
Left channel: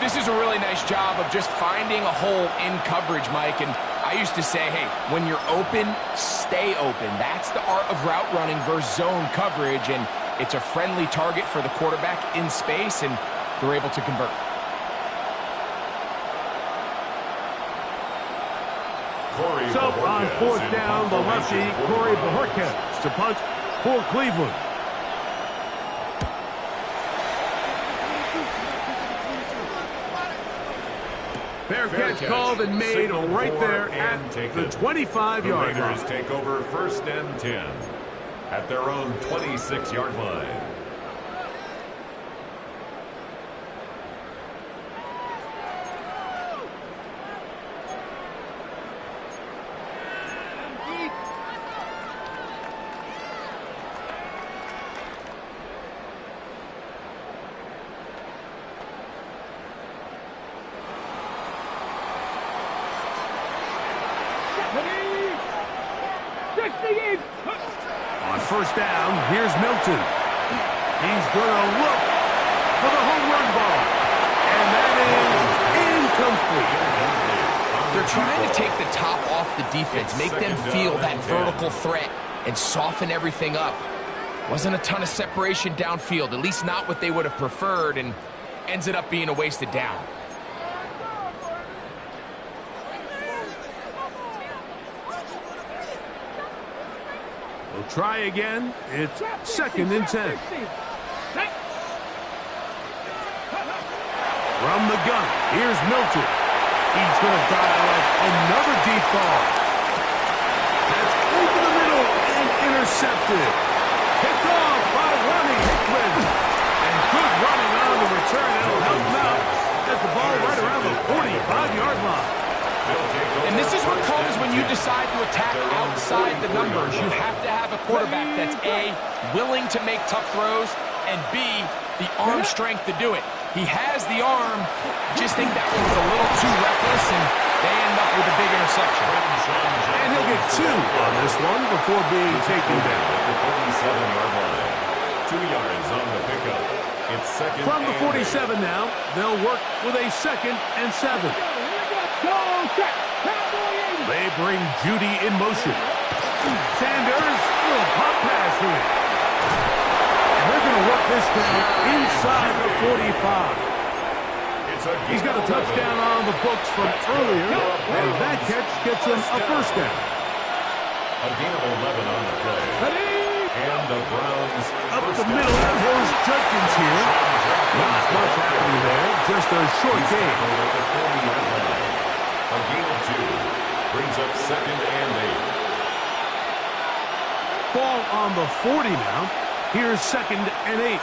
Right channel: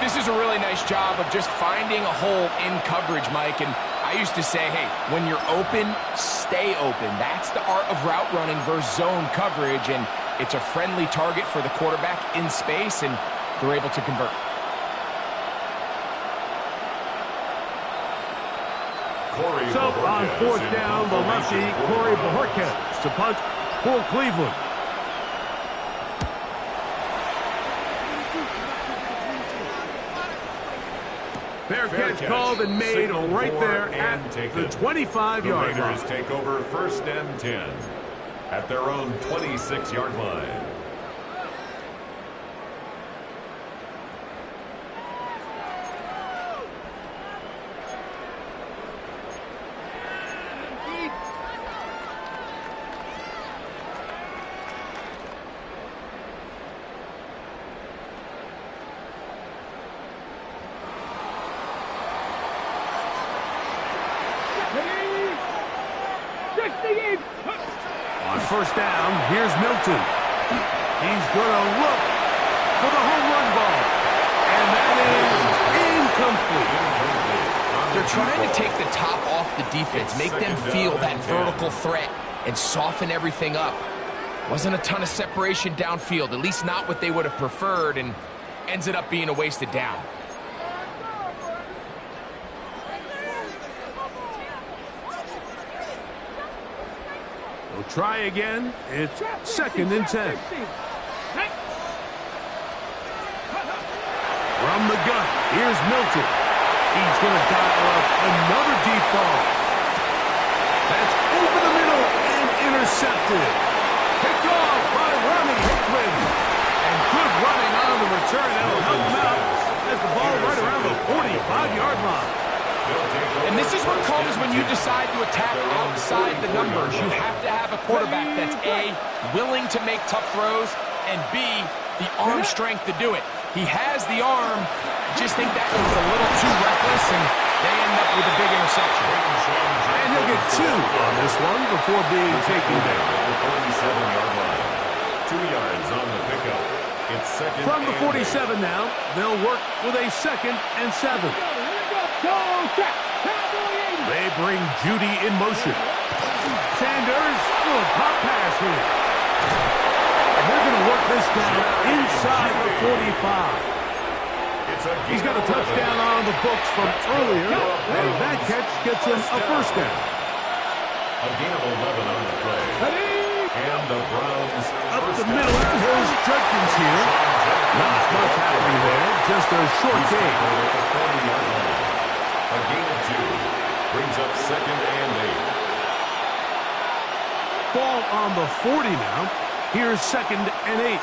This is a really nice job of just finding a hole in coverage, Mike. And I used to say, hey, when you're open, stay open. That's the art of route running versus zone coverage. And it's a friendly target for the quarterback in space, and they're able to convert. So on 4th down, the lefty, Corey Bojorquez, to punt for Cleveland. Fair catch called and made right there at the 25-yard line. Raiders take over 1st and 10 at their own 26-yard line. On 1st down, here's Milton. He's going to look for the home run ball. And that is incomplete. They're trying to take the top off the defense, make them feel that vertical threat, and soften everything up. Wasn't a ton of separation downfield, at least not what they would have preferred, and ends it up being a wasted down. They'll try again. It's 2nd and 10. From the gun, here's Milton. He's going to dial up another deep ball. That's over the middle and intercepted. Picked off by Ronnie Hickman. And good running on the return. That'll help him out as the ball right around the 45-yard line. And this is what comes when you decide to attack outside the numbers. You have to have a quarterback that's A, willing to make tough throws, and B, the arm strength to do it. He has the arm, just think that one was a little too reckless, and they end up with a big interception. And he'll get 2 on this one before being taken down. At the 47-yard line. 2 yards on the pickup. It's second From the and 47 now, they'll work with a 2nd and 7. They bring Judy in motion. Sanders, little pop pass here. And they're going to work this down inside the 45. He's got a touchdown on the books from earlier, and that catch gets him a first down. A gain of 11 on the play. And the Browns Up the middle goes Judkins here. Not much happening there, just a short gain. At the 40-yard line. A gain of 2 brings up second and 8. Ball on the 40 now. Here's 2nd and 8.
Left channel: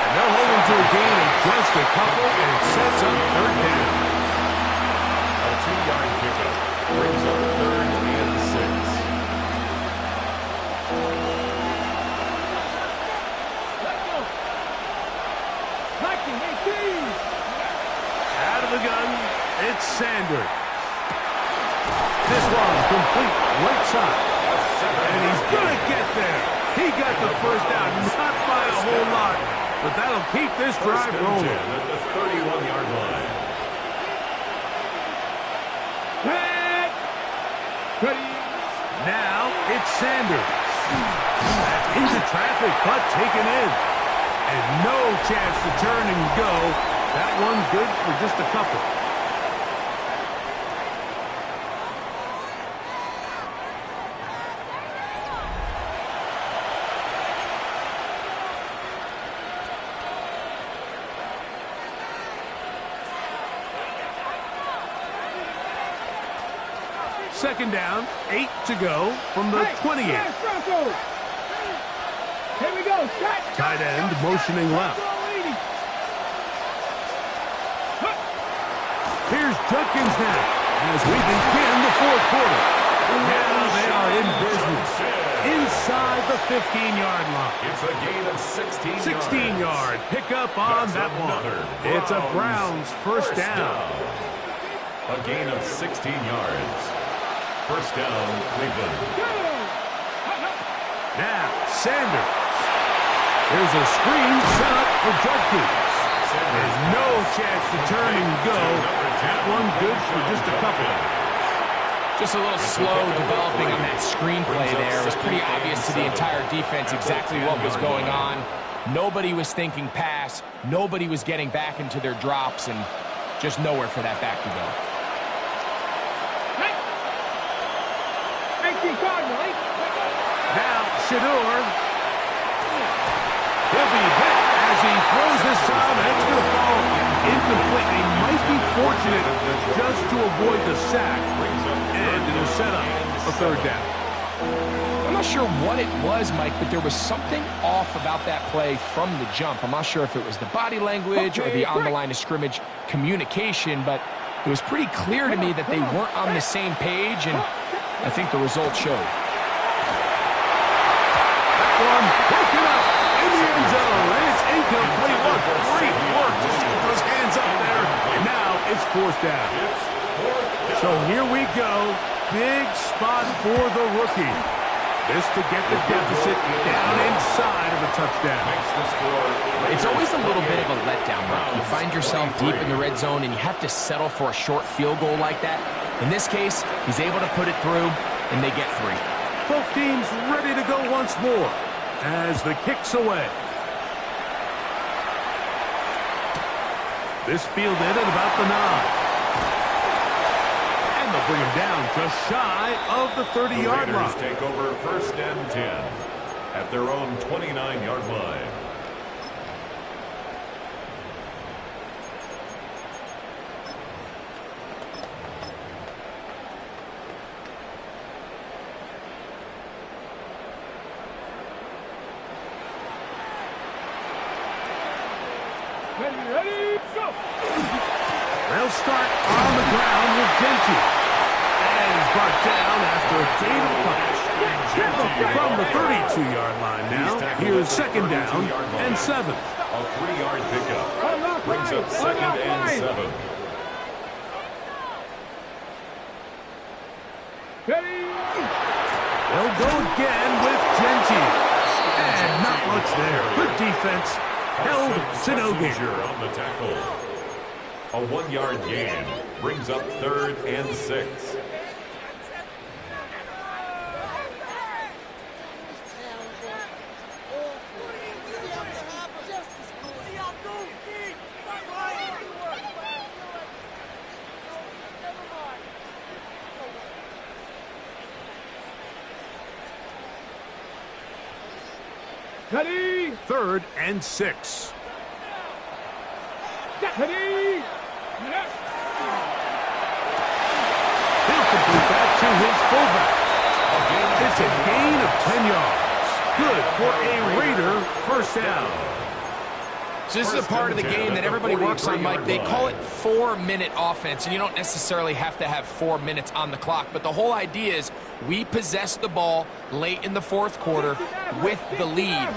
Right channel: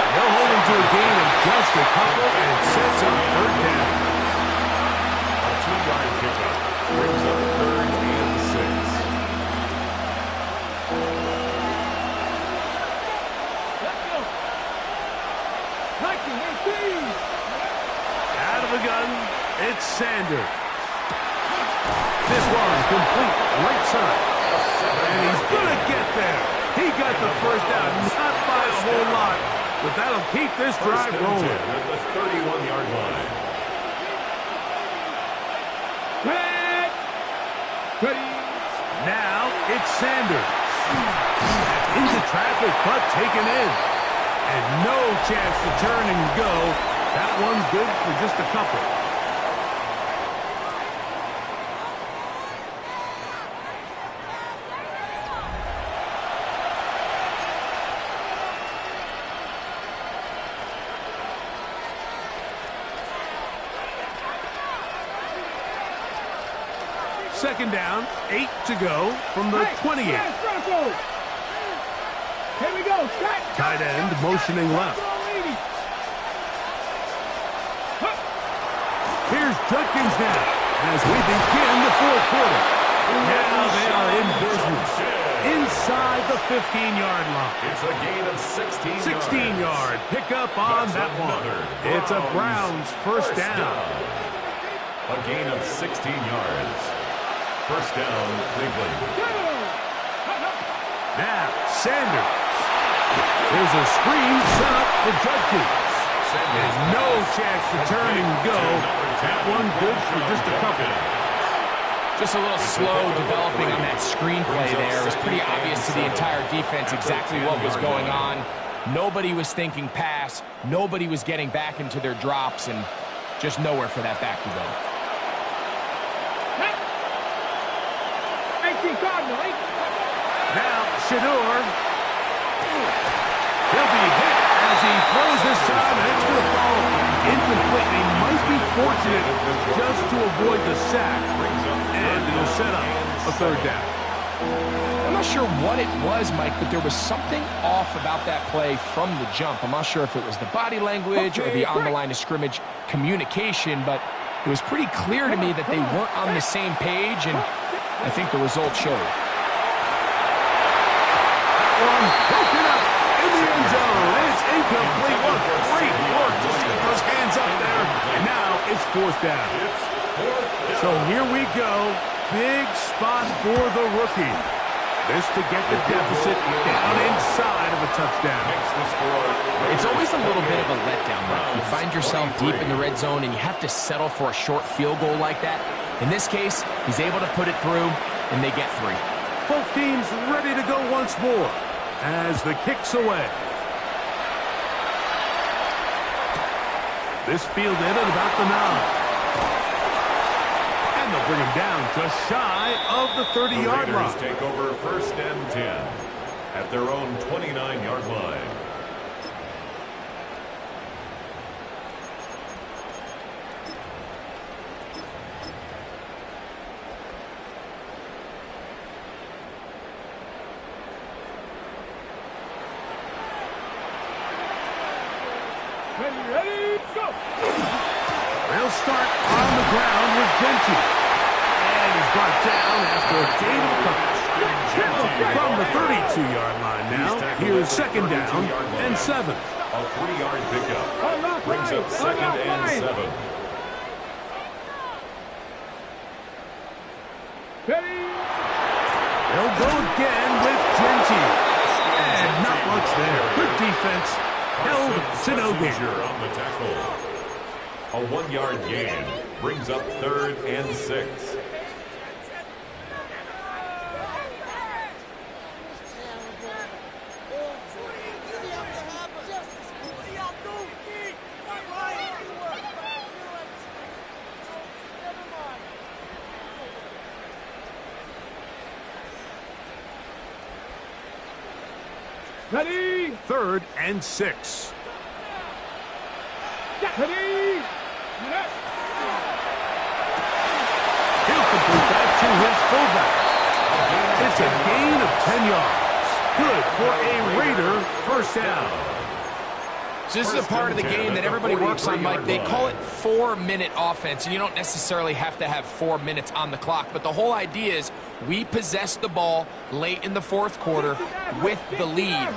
And they'll hold him to a gain of just a couple and sets up 3rd down. A 2-yard pickup brings up 3rd and 6. Let's go. 19-18. Out of the gun, it's Sanders. This one complete right side. And he's going to get there. He got the first down, not by a whole lot, but that'll keep this drive rolling. At the 31-yard line. Ready. Now it's Sanders. That's into traffic, but taken in. And no chance to turn and go. That one's good for just a couple. Second down, 8 to go from the 28. Here we go. Tight end motioning left. Here's Judkins now as we begin the 4th quarter. Now they are in business inside the 15-yard line. It's a gain of 16 yards. 16-yard pickup on that one. It's a Browns first down. A gain of 16 yards. First down, Cleveland. Now, Sanders. There's a screen set up for Judkins. There's no chance to turn and go. That one good for just a couple. Just a little slow developing on that screenplay there. It was pretty obvious to the entire defense exactly what was going on. Nobody was thinking pass. Nobody was getting back into their drops, and just nowhere for that back to go. Now, Shador. He'll be hit as he throws this time, and it's going to fall incomplete. He might be fortunate just to avoid the sack, and it'll set up a 3rd down. I'm not sure what it was, Mike, but there was something off about that play from the jump. I'm not sure if it was the body language or the on-the-line of scrimmage communication, but it was pretty clear to me that they weren't on the same page, and I think the result showed. That one broken up in the end zone. It's incomplete. What great work to keep those hands up there. And now it's 4th down. So here we go. Big spot for the rookie. This to get the deficit down inside of a touchdown. It's always a little bit of a letdown, Mike. You find yourself deep in the red zone, and you have to settle for a short field goal like that. In this case, he's able to put it through, and they get 3. Both teams ready to go once more as the kick's away. This fielded at about the 9. And they'll bring him down just shy of the 30-yard line. The Raiders take over 1st and 10 at their own 29-yard line. Ready, go! They'll start on the ground with Genty. And he's brought down after a gain of a couple. From the 32-yard line now, here's second down and 7. A 3-yard pickup brings up second and 7. Ready! They'll go again with Genty. And not much there. Good defense. Held to no gain. On the tackle. A 1-yard gain brings up third and 6. Ready! Third and 6. Ready! He'll complete that to his fullback. It's a gain of 10 yards. Good for a Raider first down. So this is a part of the game that everybody works on, Mike. They call it 4-minute offense, and you don't necessarily have to have 4 minutes on the clock. But the whole idea is we possess the ball late in the fourth quarter with the lead.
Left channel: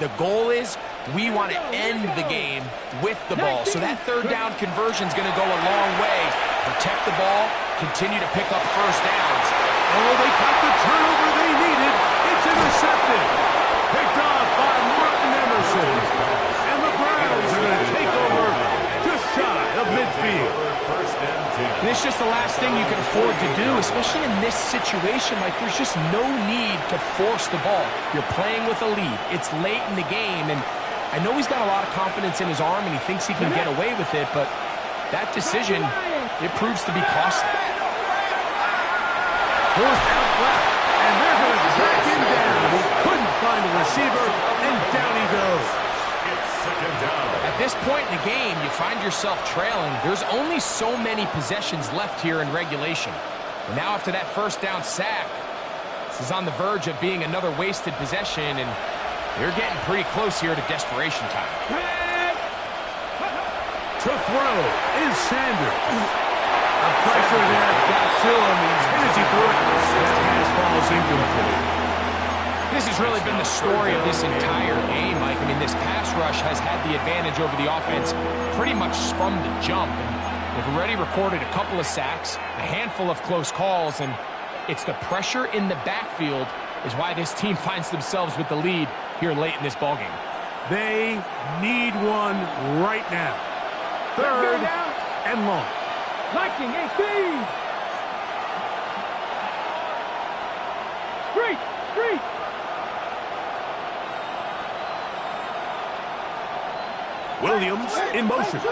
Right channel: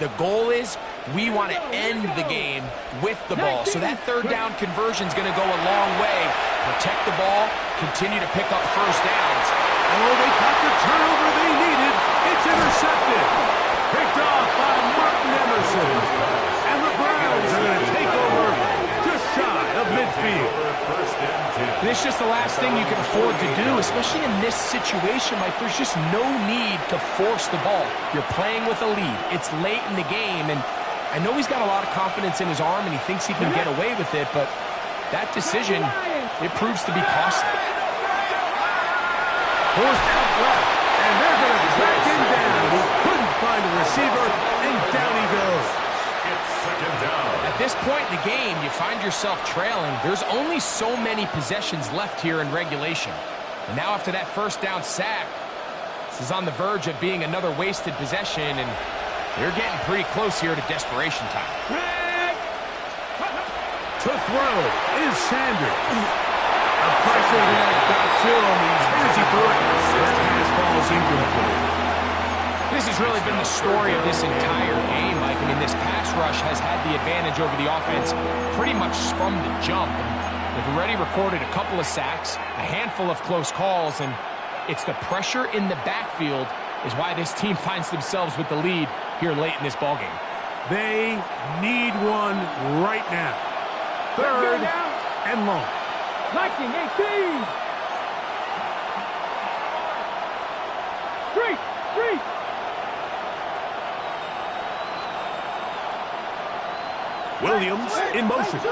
The goal is we want to end the game with the ball. So that third down conversion is going to go a long way. Protect the ball, continue to pick up first downs. Oh, they got the turnover they needed. It's intercepted. Picked off by Martin Emerson. And the Browns are going to take over just shy of midfield. And it's just the last thing you can afford to do, especially in this situation. Like, there's just no need to force the ball. You're playing with a lead. It's late in the game, and I know he's got a lot of confidence in his arm, and he thinks he can get away with it, but that decision, it proves to be costly. Forced out left, and they're going to track him down. He couldn't find a receiver, and down he goes. It's second down. At this point in the game, you find yourself trailing. There's only so many possessions left here in regulation. And now after that first down sack, this is on the verge of being another wasted possession, and they're getting pretty close here to desperation time. To throw is Sanders. The pressure there got to him. He's hit as he threw it. That pass ball's incomplete. This has really been the story of this entire game, Mike. I mean, this pass rush has had the advantage over the offense pretty much from the jump. And they've already recorded a couple of sacks, a handful of close calls, and it's the pressure in the backfield is why this team finds themselves with the lead here late in this ballgame. They need one right now. Third and long. Liking 18. Three. Williams in motion.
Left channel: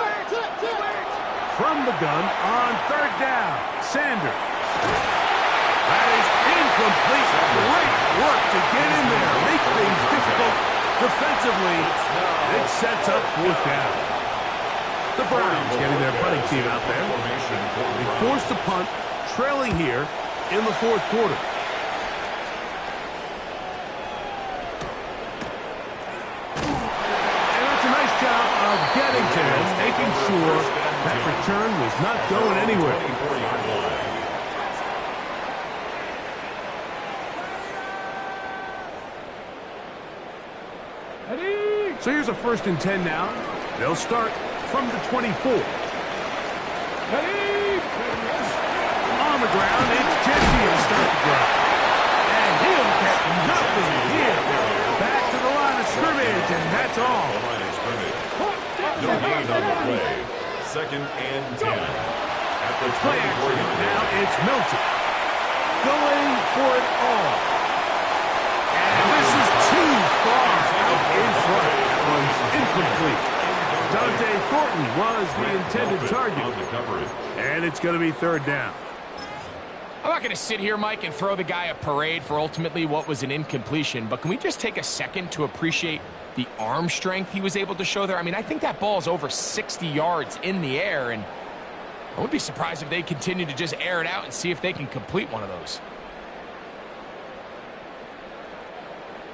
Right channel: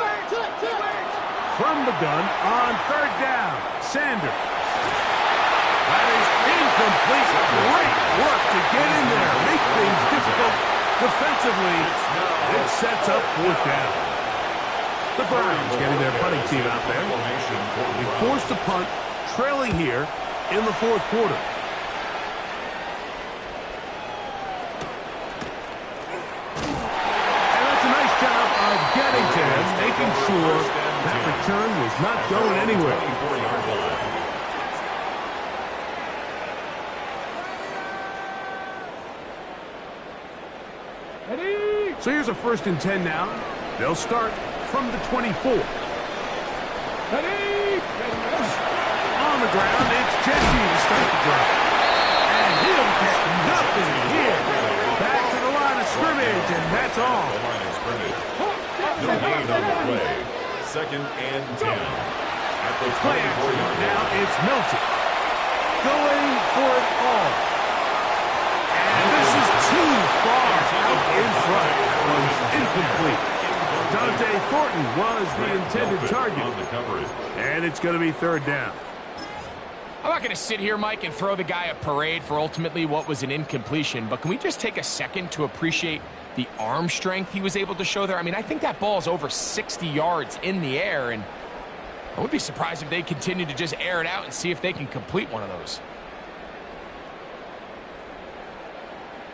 From the gun on third down. Sanders. That is incomplete. Great work to get in there. Make things difficult defensively. It sets up fourth down. The Browns getting their punting team out there. They forced a punt, trailing here in the fourth quarter. Job of getting to him, making sure that return was not going anywhere. So here's a 1st and 10 now. They'll start from the 24. On the ground, it's Genty to start the drive. And he'll get nothing here. Back to the line of scrimmage, and that's all. No gain on the play. 2nd and 10. At the 24-yard line. Now it's Milton going for it all. And this is too far out in front. That one's incomplete. Dante Thornton was the intended target. And it's going to be 3rd down. I'm not going to sit here, Mike, and throw the guy a parade for ultimately what was an incompletion, but can we just take a second to appreciate the arm strength he was able to show there? I mean, I think that ball's over 60 yards in the air, and I would be surprised if they continue to just air it out and see if they can complete one of those.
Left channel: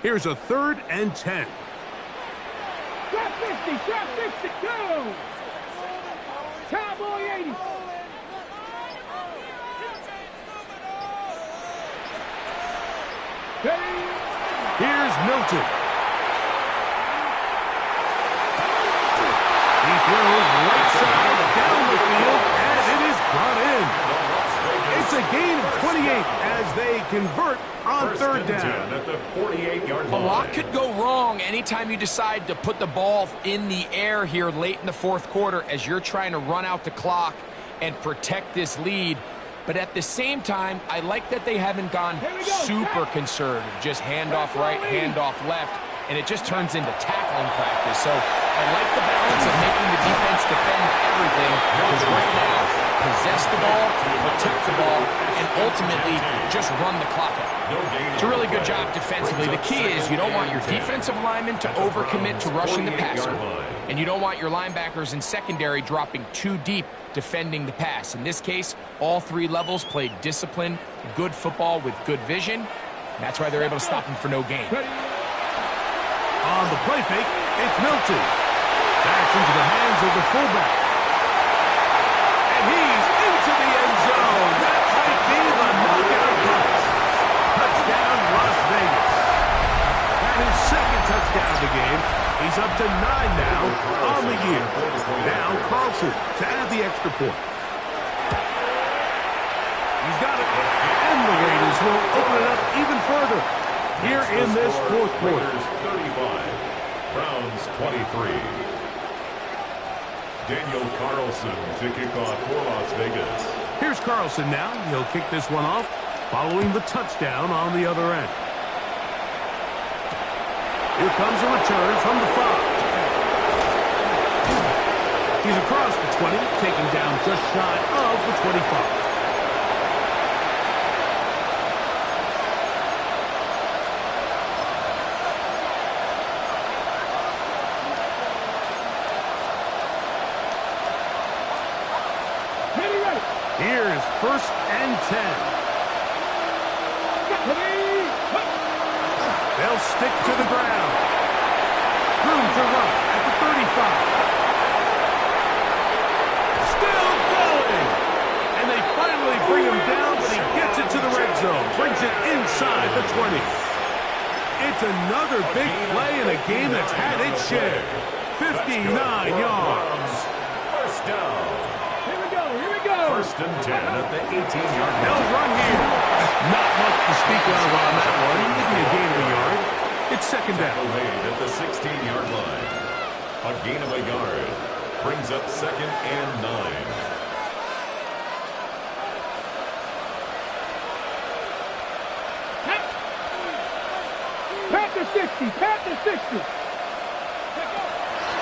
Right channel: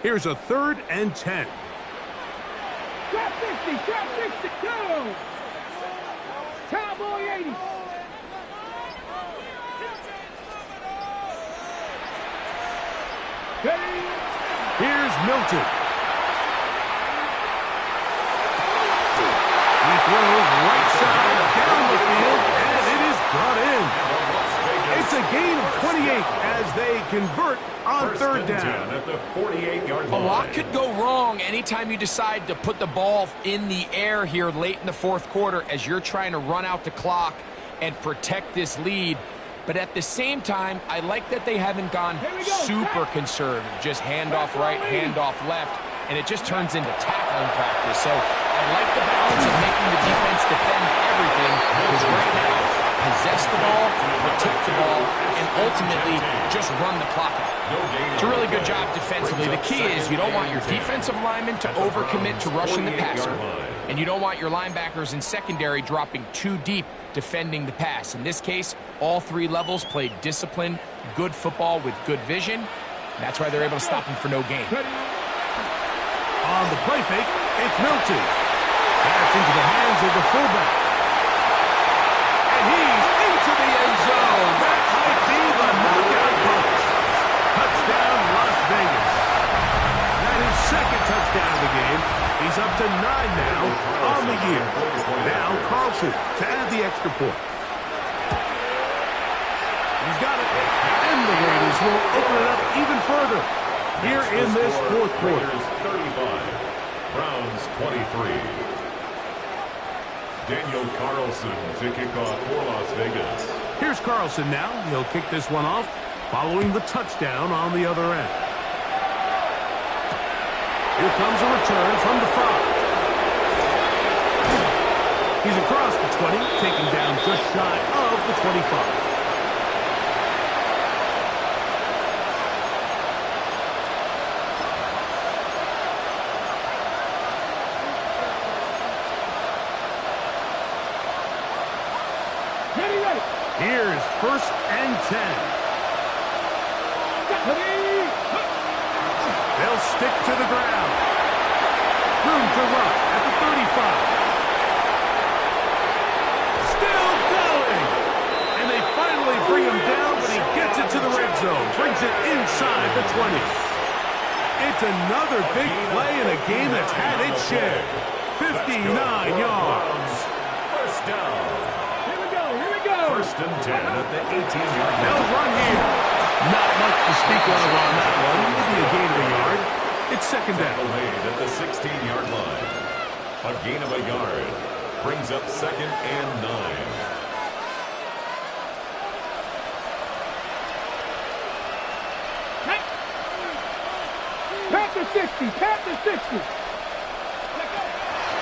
Here's a 3rd and 10. Trap 50, trap 60, go! Cowboy 80. Here's Milton. He throws right side down the field, and it is brought in. It's a gain of 28 as they convert on third down. At the 48-yard line. A lot could go wrong anytime you decide to put the ball in the air here late in the fourth quarter as you're trying to run out the clock and protect this lead. But at the same time, I like that they haven't gone super conservative. Just handoff right, handoff left, and it just turns into tackling practice. So I like the balance of making the defense defend everything, because right now, possess the ball, protect the ball, and ultimately just run the clock out. It's a really good job defensively. The key is you don't want your defensive linemen to overcommit to rushing the passer, and you don't want your linebackers in secondary dropping too deep defending the pass. In this case, all three levels played disciplined, good football with good vision. That's why they're able to stop him for no gain. On the play fake, it's Milton. That's into the hands of the fullback. And he's into the end zone. That might be the knockout punch. Touchdown, Las Vegas. That is second touchdown of the game. He's up to 9 now on the year. Now Carlson to add the extra point. He's got it. And the Raiders will open it up even further here in this fourth quarter. Raiders 35, Browns 23. Daniel Carlson to kick off for Las Vegas. Here's Carlson now. He'll kick this one off following the touchdown on the other end. Here comes a return from the 5. He's across the 20, taken down just shy of the 25. Ready. Here's 1st and 10. They'll stick to the ground. Room to run at the 35. Still going. And they finally bring him down, but he gets it to the red zone. Brings it inside the 20. It's another big play in a game that's had its share. 59 yards. First down. Here we go. 1st and 10 at the 18-yard line. They'll run here. Not much to speak of on that one. Maybe a gain of a yard. It's second down. Tackle made at the 16-yard line. A gain of a yard. Brings up 2nd and 9. Panther 60. Panther 60.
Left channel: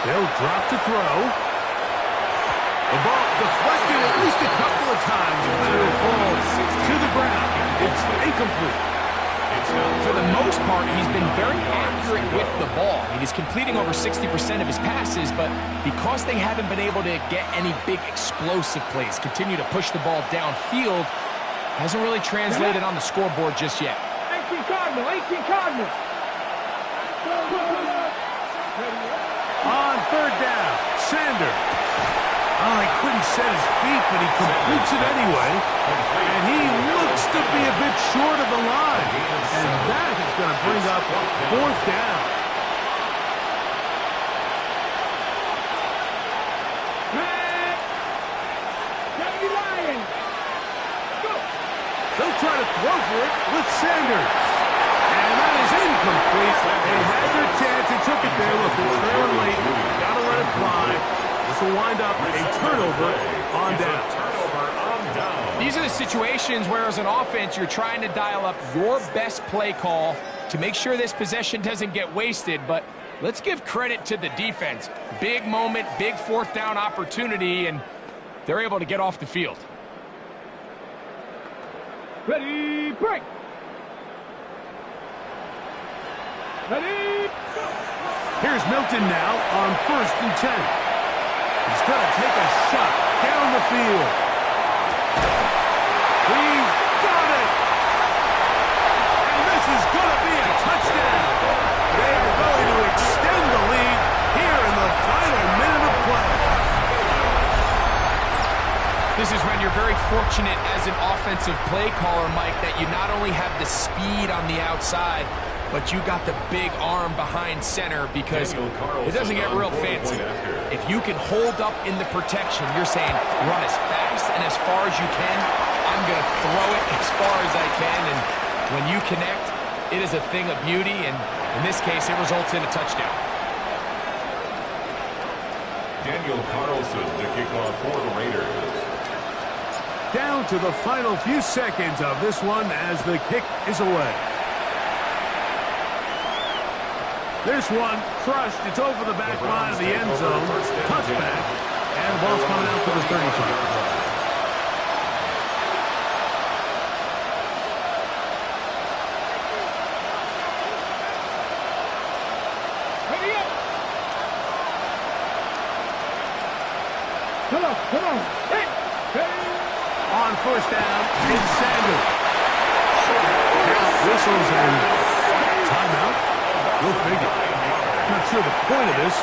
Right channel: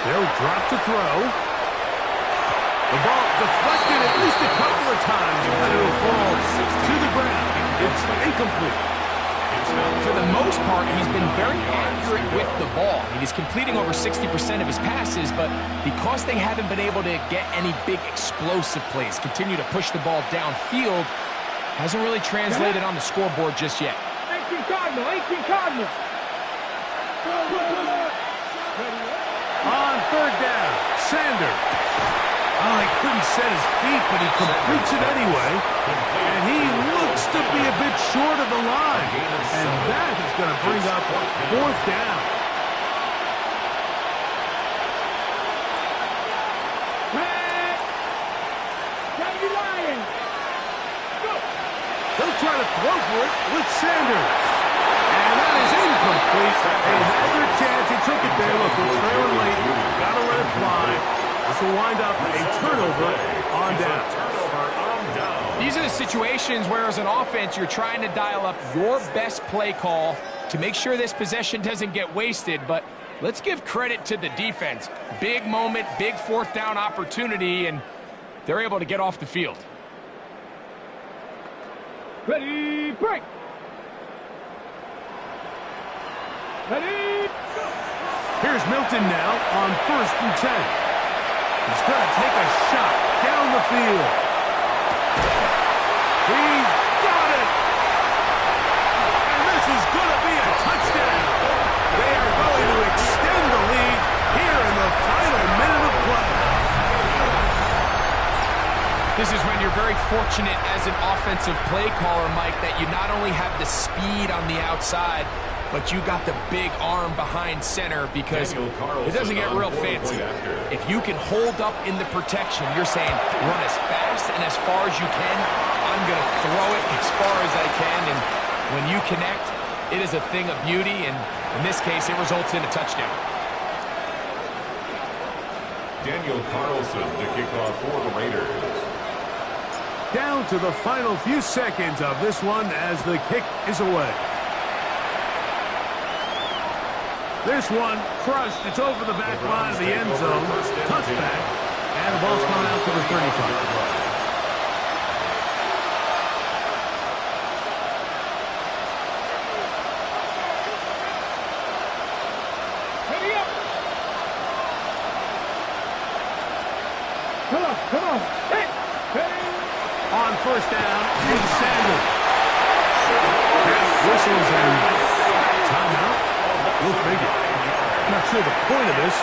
They'll drop to throw. The ball deflected at least a couple of times, but it'll fall to the ground. It's incomplete. For the most part, he's been very accurate with the ball. I mean, he's completing over 60% of his passes, but because they haven't been able to get any big explosive plays, continue to push the ball downfield, hasn't really translated on the scoreboard just yet. 18 Cardinal. On third down, Sanders. Oh, he couldn't set his feet, but he completes it anyway. And he looks to be a bit short of the line. And that is going to bring up 4th down. They'll try to throw for it with Sanders. And that is incomplete. They had their chance. He took it there. Look, they're trailing late. Got to let it fly. This will wind up a turnover on down. These are the situations where, as an offense, you're trying to dial up your best play call to make sure this possession doesn't get wasted. But let's give credit to the defense. Big moment, big 4th down opportunity, and they're able to get off the field. Ready, break. Ready, go. Here's Milton now on 1st and 10. He's going to take a shot down the field. He's got it. And this is going to be a touchdown. They are going to extend the lead here This is when you're very fortunate as an offensive play caller, Mike, that you not only have the speed on the outside, but you got the big arm behind center, because it doesn't get real fancy. If you can hold up in the protection, you're saying run as fast and as far as you can. I'm going to throw it as far as I can, and when you connect, it is a thing of beauty, and in this case, it results in a touchdown. Daniel Carlson to kick off for the Raiders. Down to the final few seconds of this one as the kick is away. This one crushed. It's over the back line of the end zone. Touchback. And the ball's coming out to the 35. Come on. Hey. On first down, it's Sanders. Now whistles and timeout. Go figure. Not sure the point of this.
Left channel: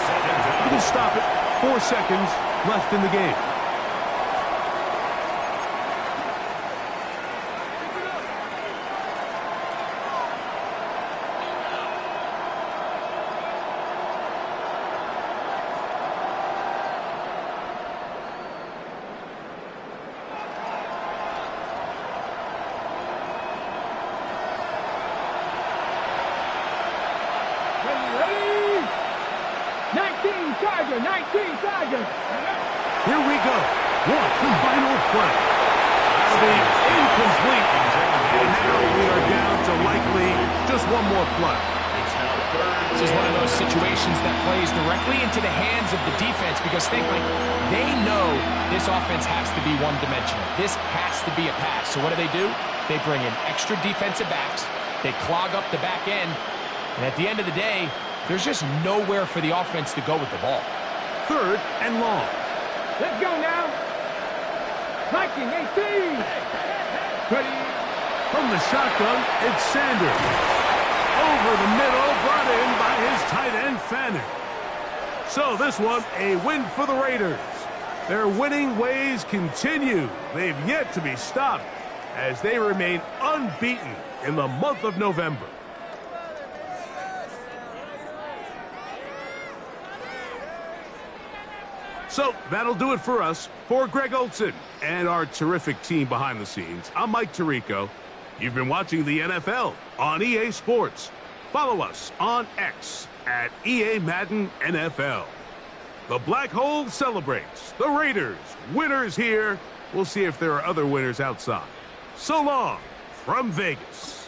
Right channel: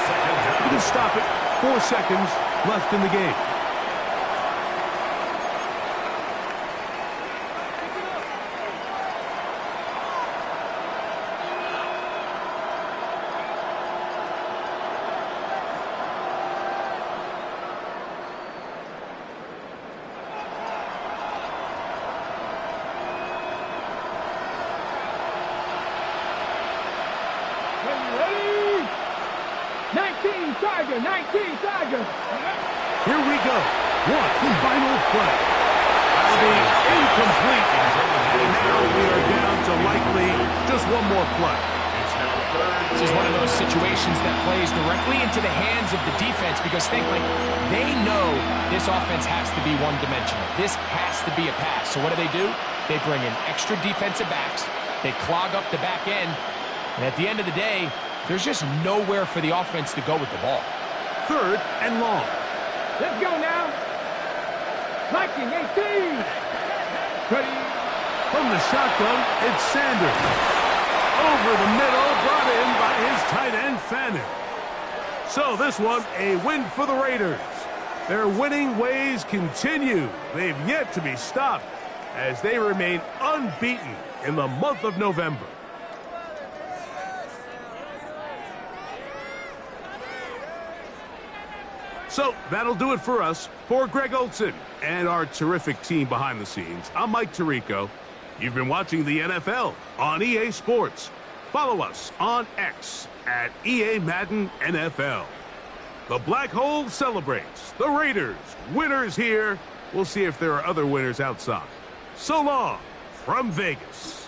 You can stop it. 4 seconds left in the game. Ready? 19 Tiger. Here we go. One final play. That'll be incomplete. And now we are down to likely just one more play. This is one of those situations that plays directly into the hands of the defense, because think, like, they know this offense has to be one-dimensional. This has to be a pass. So what do? They bring in extra defensive backs. They clog up the back end. And at the end of the day, there's just nowhere for the offense to go with the ball. 3rd and long. Let's go now. Viking 18. Ready? From the shotgun, it's Sanders. Over the middle, brought in by his tight end, Fannin. So this one, a win for the Raiders. Their winning ways continue. They've yet to be stopped as they remain unbeaten in the month of November. So that'll do it for us. For Greg Olson and our terrific team behind the scenes, I'm Mike Tirico. You've been watching the NFL on EA Sports. Follow us on X at EA Madden NFL. The Black Hole celebrates. The Raiders, winners here. We'll see if there are other winners outside. So long from Vegas.